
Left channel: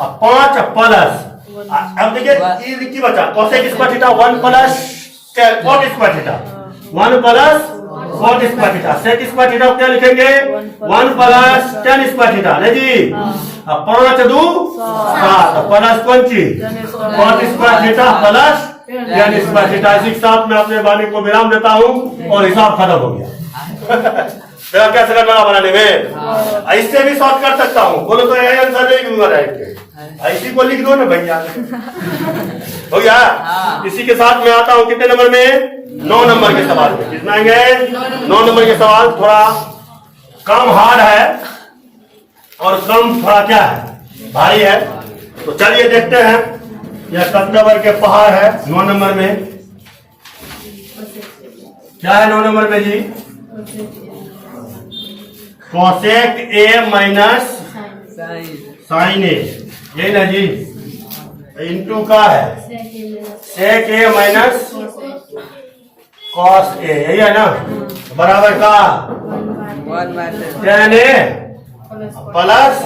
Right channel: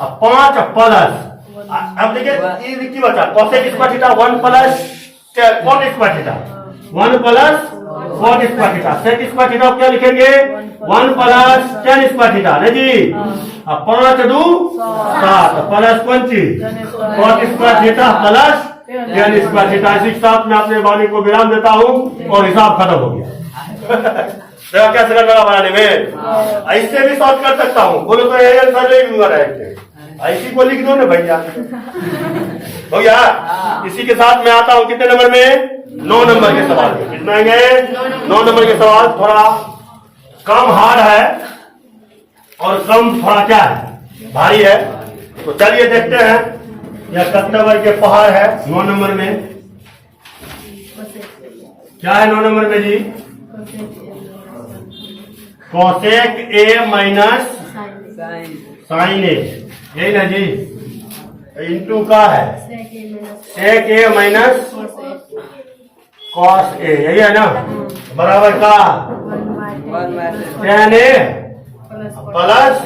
अब 5 प्लस, अब देखिए ये की बचा cosec square theta 1 plus cot square theta 1 plus cot square theta, sec square theta क्या लिखेंगे 1 प्लस tan स्क्वायर थीटा नहीं जी, अब 5 2 7 प्लस कौन चीज cot square theta plus tan square theta. इसी के साथ मैं अपने वाणी को विराम देता हूँ और हिसाब खत्म हो गया। देखा कैसे लगा बनाने में। ऐसे भी सॉल्व कर सकता हूँ, बोलो तो ये आंसर नहीं दूंगा डायरेक्ट, ऐसी को लिख दो ना भैया। हो गया। इसी के साथ मैं आता हूँ कितने नंबर में, 9 नंबर के सवाल में। कितना आएंगे, 9 नंबर के सवाल। थोड़ा कम हार्ड है और कम थोड़ा क्या है, भारी है। तो चलिए देखते हैं, यह कस्टमर के पहाड़ है 9 नंबर में। क्या है 9 नंबर में जी, कोसेक ए माइनस साइन ए, यही ना जी, इंटू का है सेक ए माइनस कॉस ए, यही है ना, बराबर का tan A plus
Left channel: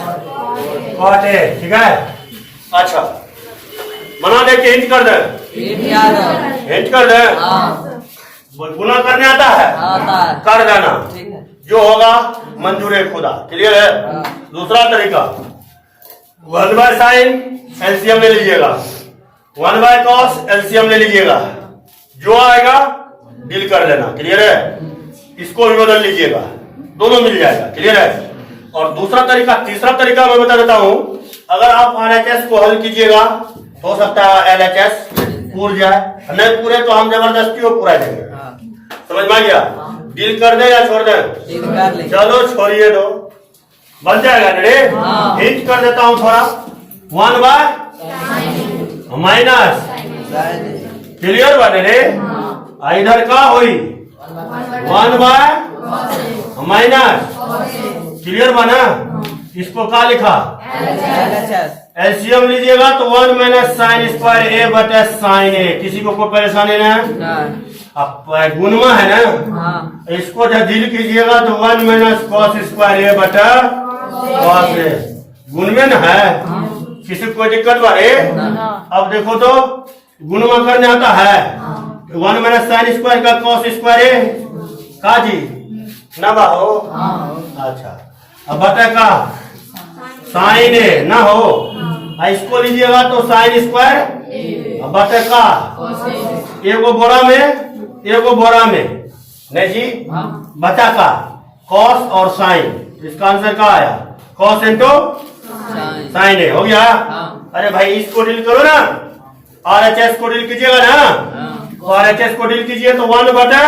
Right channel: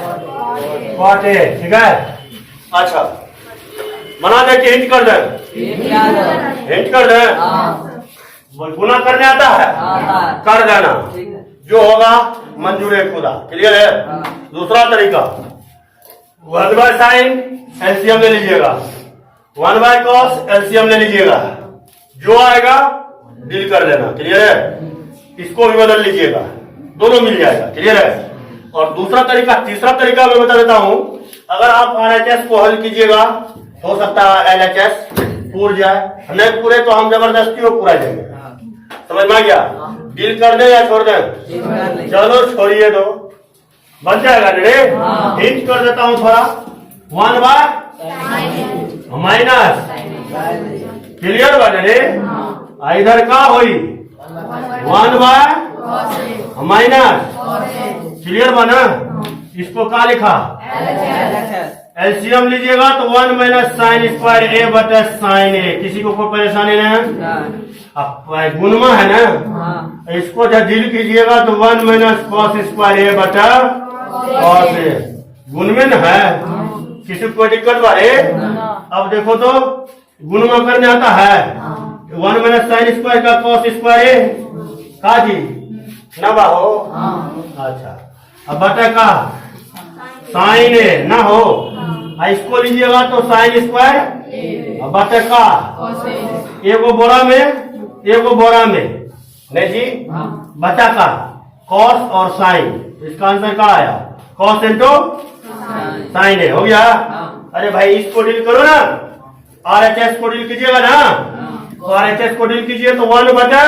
cot A. ठीक है। अच्छा बना दे कि हिंट कर दे, हिंट कर दे, गुना करने आता है, कर देना, जो होगा मंजूर है खुदा। क्लियर है। दूसरा तरीका, 1 बाय साइन एलसीएम ले लीजिएगा, 1 बाय कॉस एलसीएम ले लीजिएगा, जो आएगा डील कर लेना। क्लियर है। इसको भी बदल लीजिएगा, दोनों मिल जाएगा। क्लियर है। और दूसरा तरीका, तीसरा तरीका मैं बता देता हूं, अगर आप RHS को हल कीजिएगा, हो सकता है LHS पूर जाए, नहीं पूरे तो हम जबरदस्ती वो पूरा देंगे। समझ में आ गया। डील कर दे या छोड़ दे, चलो छोड़िए दो, बन जाएगा रे। हिंट कर देता हूं थोड़ा, 1 बाय माइनस, क्लियर बने रे। इधर का हुई 1 बाय माइनस, क्लियर बना। इसको क्या लिखा, एलसीएम लीजिएगा तो 1 माइनस साइन स्क्वायर ए बटे साइन ए। किसी को कोई परेशानी नहीं, अब गुणमा है ना, इसको जब डील कीजिएगा तो 1 माइनस कॉस स्क्वायर ए बटा कॉस ए, गुणमें है। किसी को कोई दिक्कत बारे। अब देखो तो गुणमा करने आता है, 1 माइनस साइन स्क्वायर का कॉस स्क्वायर ए का जी ना बाहो। अच्छा अब बटा का साइन ए ना हो, इसको लीजिएगा तो साइन स्क्वायर बटे का, एगो बोरा में एगो बोरा में, नहीं जी, बचा का कॉस और साइन। इसका आंसर क्या आया, कॉस इंटू साइन ए। हो गया। अरे भाई इसको डील करो ना, RHS को डील कीजिएगा ना, तो RHS को डील कीजिए तो 1 बटा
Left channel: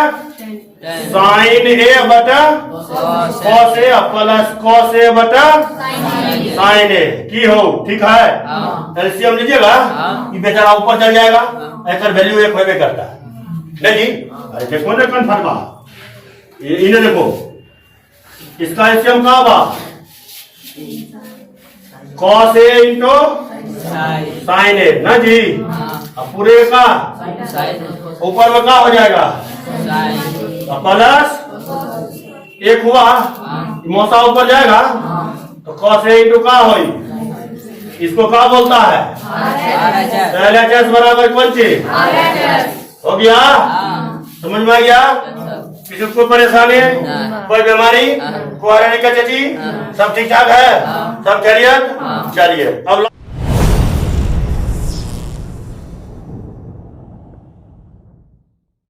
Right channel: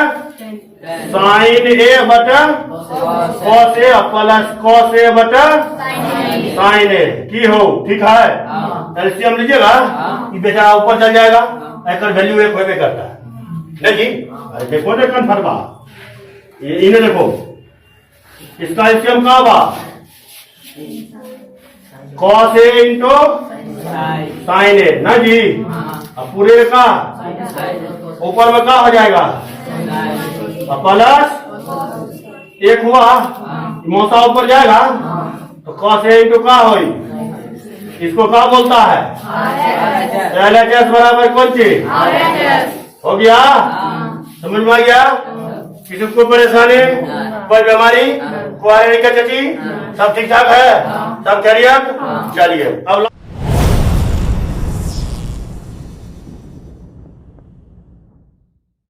साइन ए बटा cos A plus cos A बटा साइन ए की हो। ठीक है। एलसीएम लीजिएगा, ये बेचारा ऊपर चल जाएगा, एक वैल्यू 1 होबे करता है। नहीं जी, अरे देखो ना कन्फर्म बा, इन्हें देखो, इसका एलसीएम का बा कॉस ए इंटू साइन ए ना जी। अब पूरे का ऊपर में क्या हो जाएगा, प्लस 1 हुआ, मौसा ऊपर जाएगा तो कॉस ए इंटू का होई, इसको क्या बोलता है, LHS बराबर कौन चीज हो गया। समझ में आ गया। किसी को परेशानी, कोई बीमारी, कोई चाची, सब ठीक ठाक है, सब खैरियत। चलिए अब